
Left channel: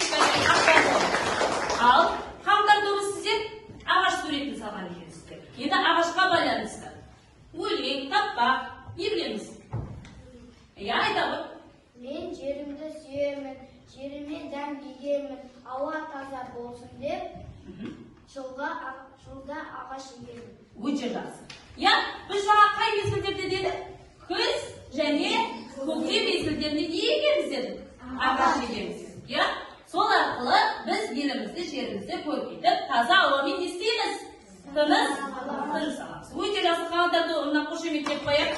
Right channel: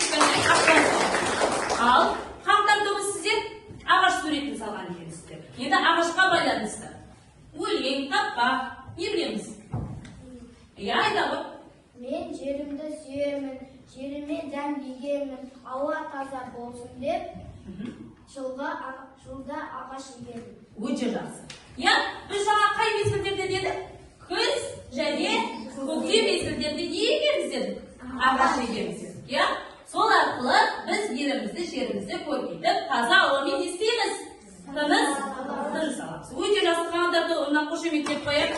ал қаңтарда сіздер ағаш суретін салған екенсіздер. Енді ағашқа байланысты өлең, тақпақ не білеміз? Иә, айта ғой. Мен жерімді сүйемін, жеріме дәм егемін, ауа таза болсын деп, жолда ағаш егемін. Өте жақсы. Иә, біз жаңа қай мезгілдерде дедік? Күз және көктем мезгілдерінде не егеміз дедік? Ағаш егеміз дедік. Иә, сол арқылы біз елімізді, жерімізді көркейтіп, таза ауамен не істейміз? Тыныс аламыз. Өте жақсы. Қаңтарда орнына қошеметтеп қояйық.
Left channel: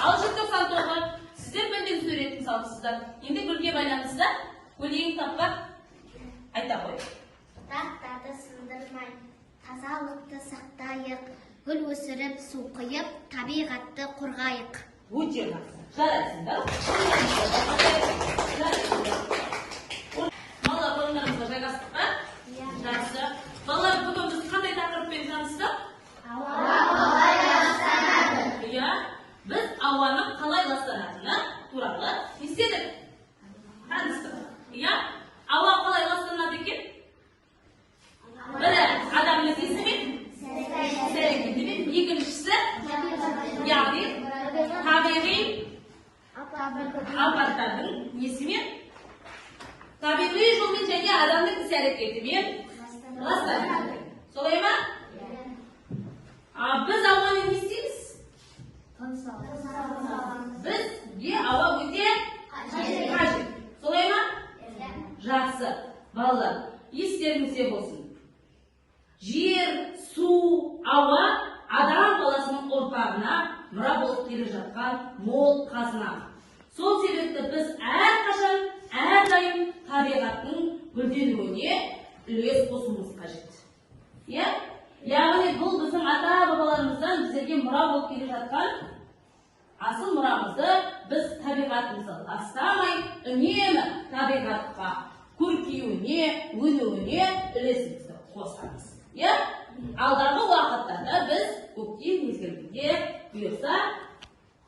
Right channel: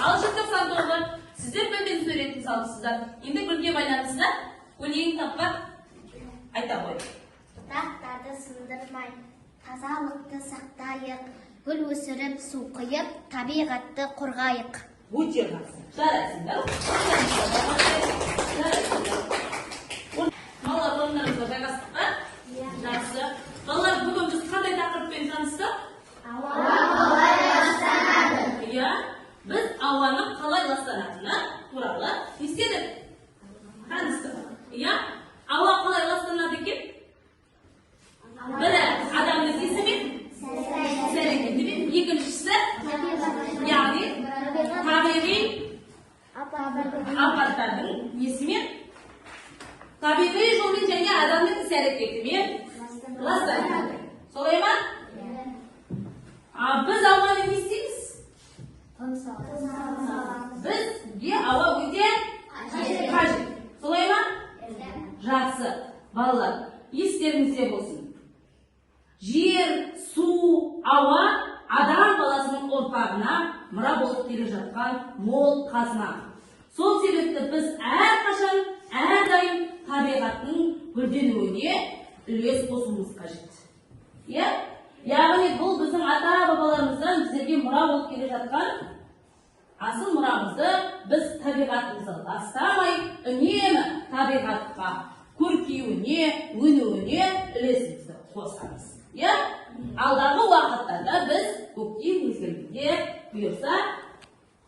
Ал желтоқсан тобы сіздер бөлген суретін салыпсыздар. Енді күнге байланысты өлең тақпақ айта қойып. Тақтарды сындырмай, тазалықты сақтайық, гүл өсіріп, су құйып, табиғатты қорғайық. Өте жақсы. Жарайсыңдар. Балалар, қолдарыңызға жайғастық па? Жақсы. Балалар, бүгін біз қандай тақырыппен таныстық? Ауа қалай ластанады? Иә, біз ауаның қалай ластанатыны туралы естедік. Таныстық. Иә, ауа қалай ластанады екен? Бірі адамның есімен, сәрекетімен, екіншісі яғни табиғи апаттардың несімен, табиғи жолмен және адамның іс-әрекетімен ластанады. Солай ма? Біз ауаны не істейміз? Бізге ауа өте қажет. Солай ма? Жақсы. Балалар, естеріңізде болсын. Жер, су, ауа адам баласының ұрпағына мұра болып келе жатқан мол қазына. Сол себепті біз әрқашан, әрдайым табиғаттың гүлденуіне үлес қосуымыз қажет. Яғни бұл біздің ата-бабаларымыздан біздерге мұра болып келе жатқан асыл мұрамызды біз табиғатымызды ластамай, үнемі табиғатқа көркеюіне, өнуіне үлесімізді қосамыз. Алдағы уақыттарда біз көктем мезгілінде бұйырса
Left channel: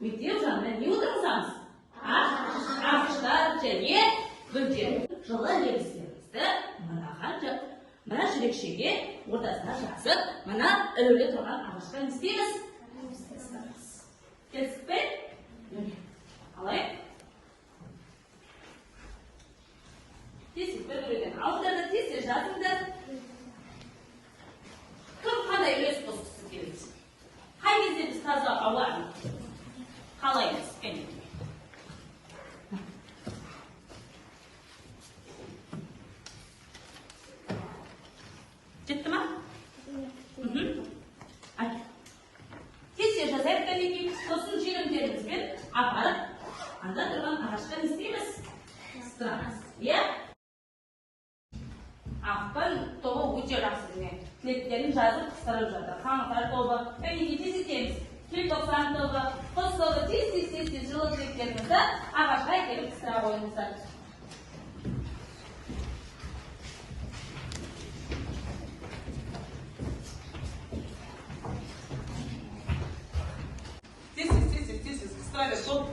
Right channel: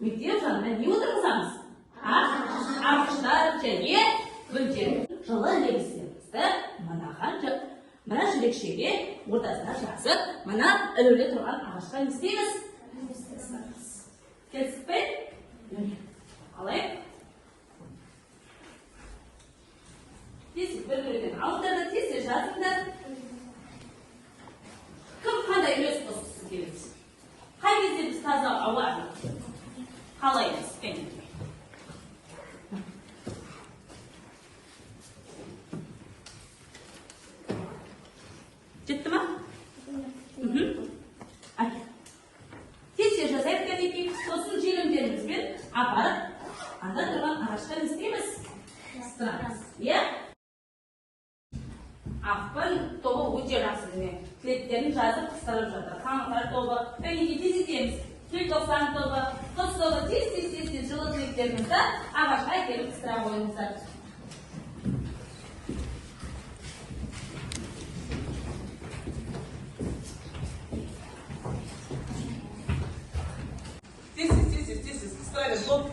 мектеп жанында не отырғызамыз? Ағаштар және гүлдер жылы лебіздерімізді мына жүрекшеге ортасына жазып, мына ілулі тұрған ағашқа не істейміз? Келістік пе? Қалай? Тез бір-бірден алыңдар, тез жазыңдар. Кім қандай үлес қосқысы келеді? Қай кезде біз таза ауа қалаймыз? Жетті ма? Тез жазайық кәдеки, сосын желімдерімізбен апарып, анда тұрған ағаштан істейміз? Сырамыз. Ақпан тобы өте жақсы демен. Тілектерін жазып қыстырып жатыр. Қаңтар тобы, кәдеки тез етеміз. Желтоқсан тобы, қыс тобы тез жылы тілектерімізді ағашқа келіп қыстыра қойыңыздар. Тез, кыстырайық, жоп.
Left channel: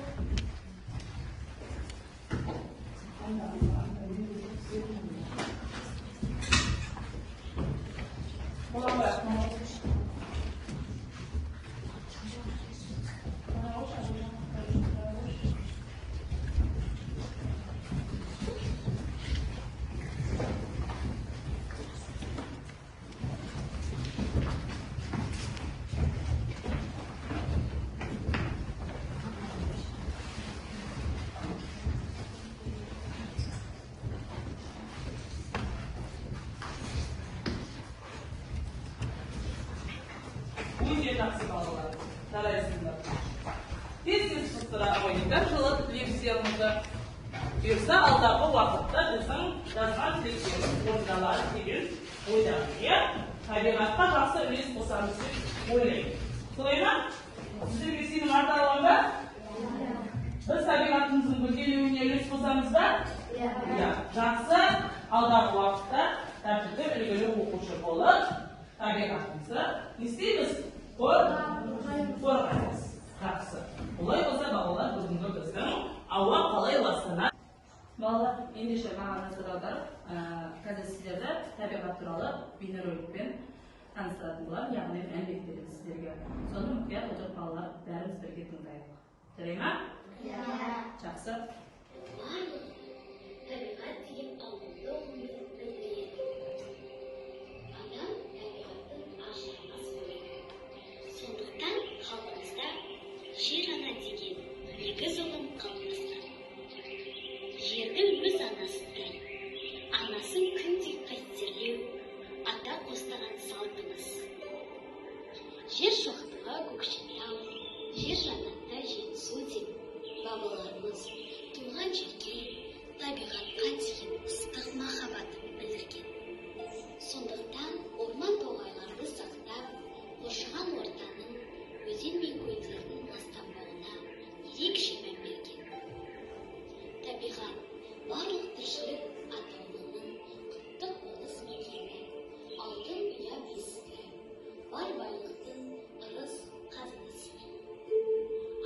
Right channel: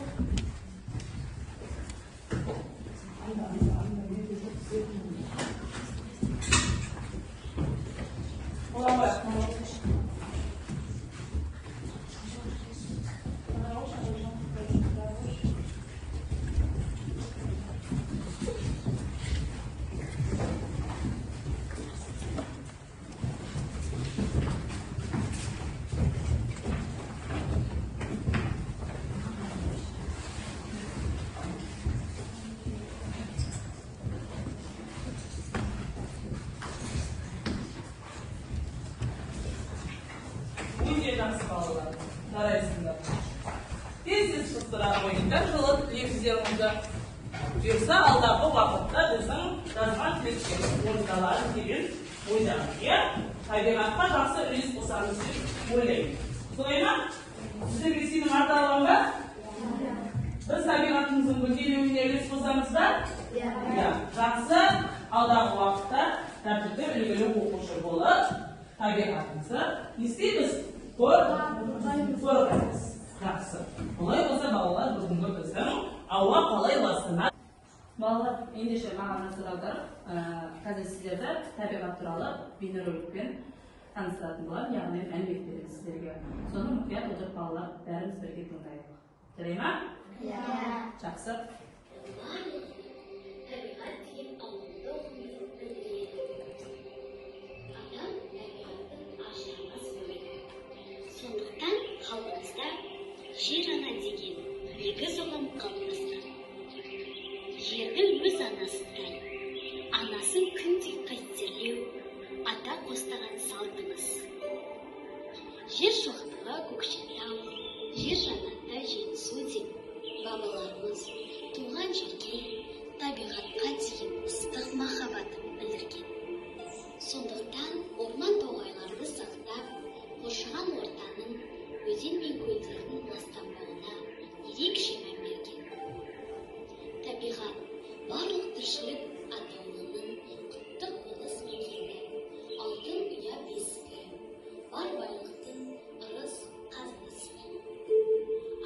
Тез шықтыра қойыңдар, жылы тілектеріңізді. Бұйырса алдағы уақытта біздің жазған тілектеріміз орындалады деген ойдамыз. Табиғатқа жақсы үлес қосамыз деп ойлаймын. Солай ма? Сіздерге сенім арта аламын ба? Біз табиғатымыздың гүлденуіне үлес қосамыз ба? Жақсы, алдағы уақытта тәртіпті үлгілі оқушы болып, табиғатымызды не істейміз? Қорғаймыз. tabiat turali beynerolikten tanıştırdılar. Yani elbette sizlerge. Sonun mutlaka o'tib bolalar bari sizlarga tundaydi. Jaraymi? Жақсы. Жер ана деген егіз алам қалыпсыз. Жерді өз анасындай, анасын күнде қастерлеу, ата бастаған салтымыз. Жер шоқтығы көкшетау, жер жанында жетісу деп бабаларымыз туған жерге, табиғатқа деген ыстық махаббатын білдірген. Сондықтан орман тоғайларды сақтап, қоршаған ортаның өзен мен көлдердің ластанбауына ерекше мән берген. Табиғат барлық тіршілік атаулының құтты қоныс мекені, алтын ұя бесігі, бар байлықтың ырыс қазынасы.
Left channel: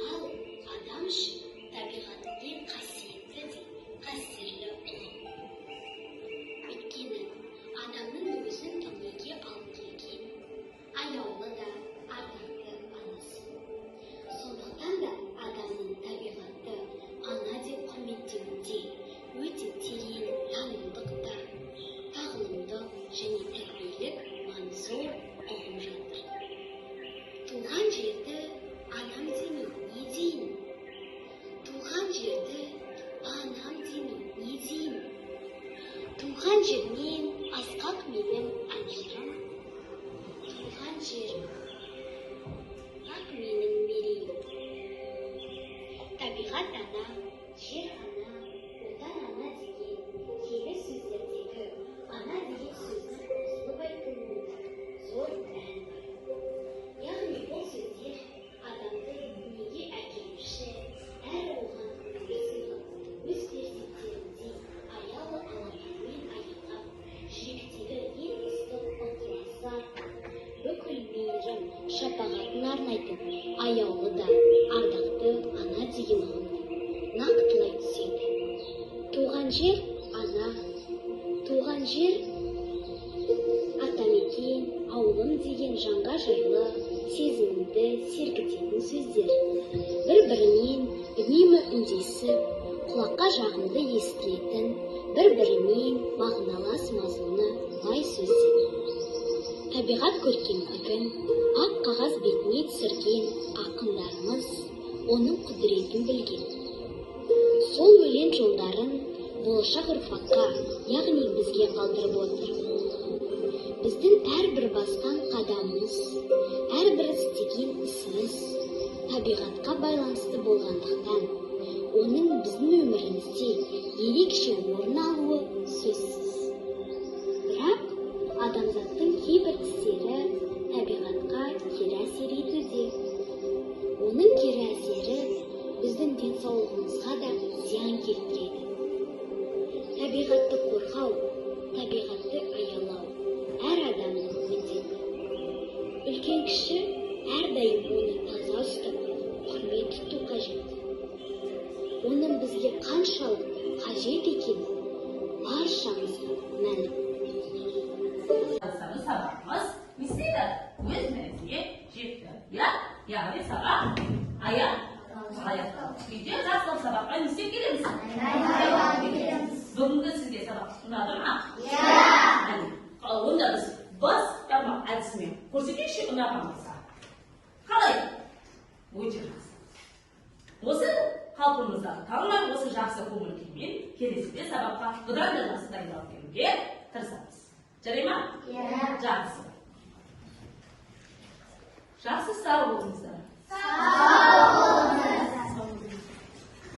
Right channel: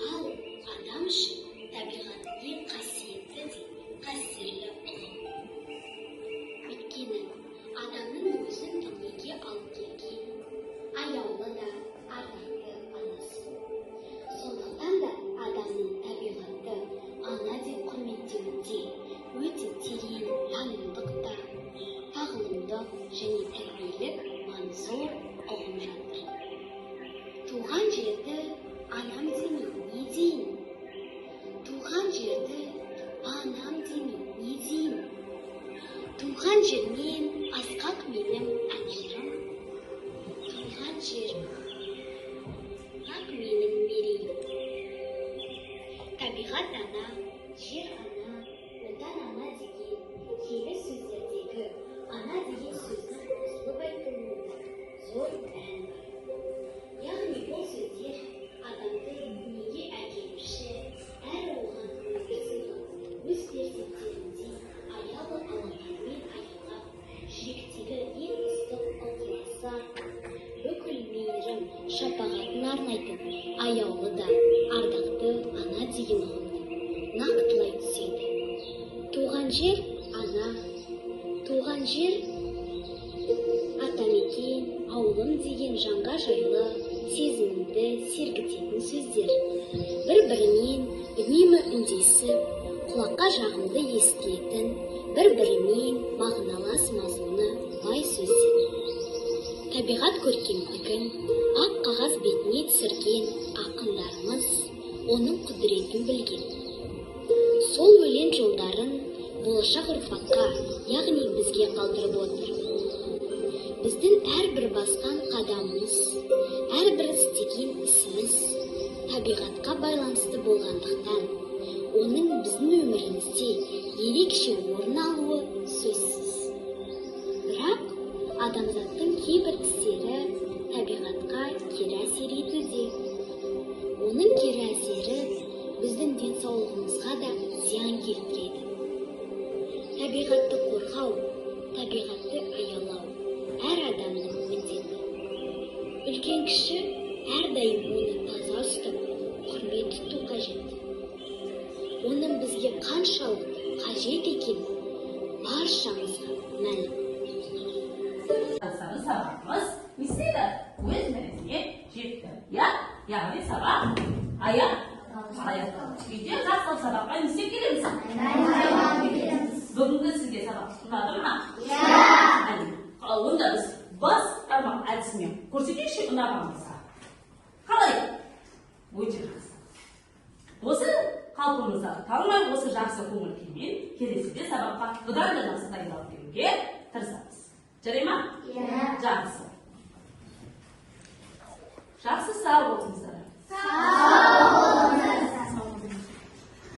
Ал адам үшін табиғаттың қасиетті де қастерлі ұлы. Өйткені адамның өзін дүниеге алып келген аяулы да ардақты анасы. Сондықтан да адамның табиғатты ана деп құрметтеуінде өте терең танымдық, тағылымдық және тәрбиелік маңызы зор ұғым жатыр. Туған жерді анам демей не деймін? Туған жерді анам демей не деймін? Туған жермен асқақ менің әншім. Туған жерім ақ менің мерейім. Табиғат ана, жер ана, отан ана деген киелі сөздердегі ана деген сөзді қосылып айтуының зор мәні бар. Яғни бұл сөздер адамды дүниеге әкелуші, әрі оған өз перзенттеріндей аяулы аналармен аяулап, жүректегі ең ыстық ықыласы, бүкіл мейірім, шапағатын арнайтын аяулы да ардақты ана деген ұғымды нақтылай түседі. Туған жер ана, туған жер ата-мекен, ауылым деген жанға жайлы, сезімді сергітетін сөздер. Бір-біріне небір үндесіп, құлаққа жағымды естілетін, бір-біріне мағыналас қосылған бай сөздер. Табиғат көркемдігін ақ қағаз бетіне түсірген ақындарымыз оның құдіретін білген. Сол өлең жолдарын болашақ ұрпаққа, яғни бізге қалдырды. Біздің әрбір басқан қадамымыз, әрбір істеген ісіміз табиғатқа байланысты болғандықтан, оның біздің өмірімізде ерекше орын алуы сөзсіз. Бірақ адамзаттың кейбір істері табиғатқа кері әсер етуде. Оның кері әсері біздің денсаулығымызға да зиян келтіреді. Табиғатты қорғау, табиғатты аялау әр адамның міндеті. Үлкен-кіші әрдайым оны таза ұстап, құрмет тұту қажет. Оның бізге қаншалық қажет екені баршамызға мәлім. Sabahımız mislidir. Bu izmenize çekti. Yani sabah ayak. Sizce nasıl sabahla misli gelir misin? Bugün sizce sabah sunarlar mı? Onda biz bas parmak arasına kursuki şey unutmamız. Kalay. Bu cihaz. Осы халқымызда танымай осы жақсы көңіл күймен келесіде сабаққа бұдан да жақсы дайындалып келуге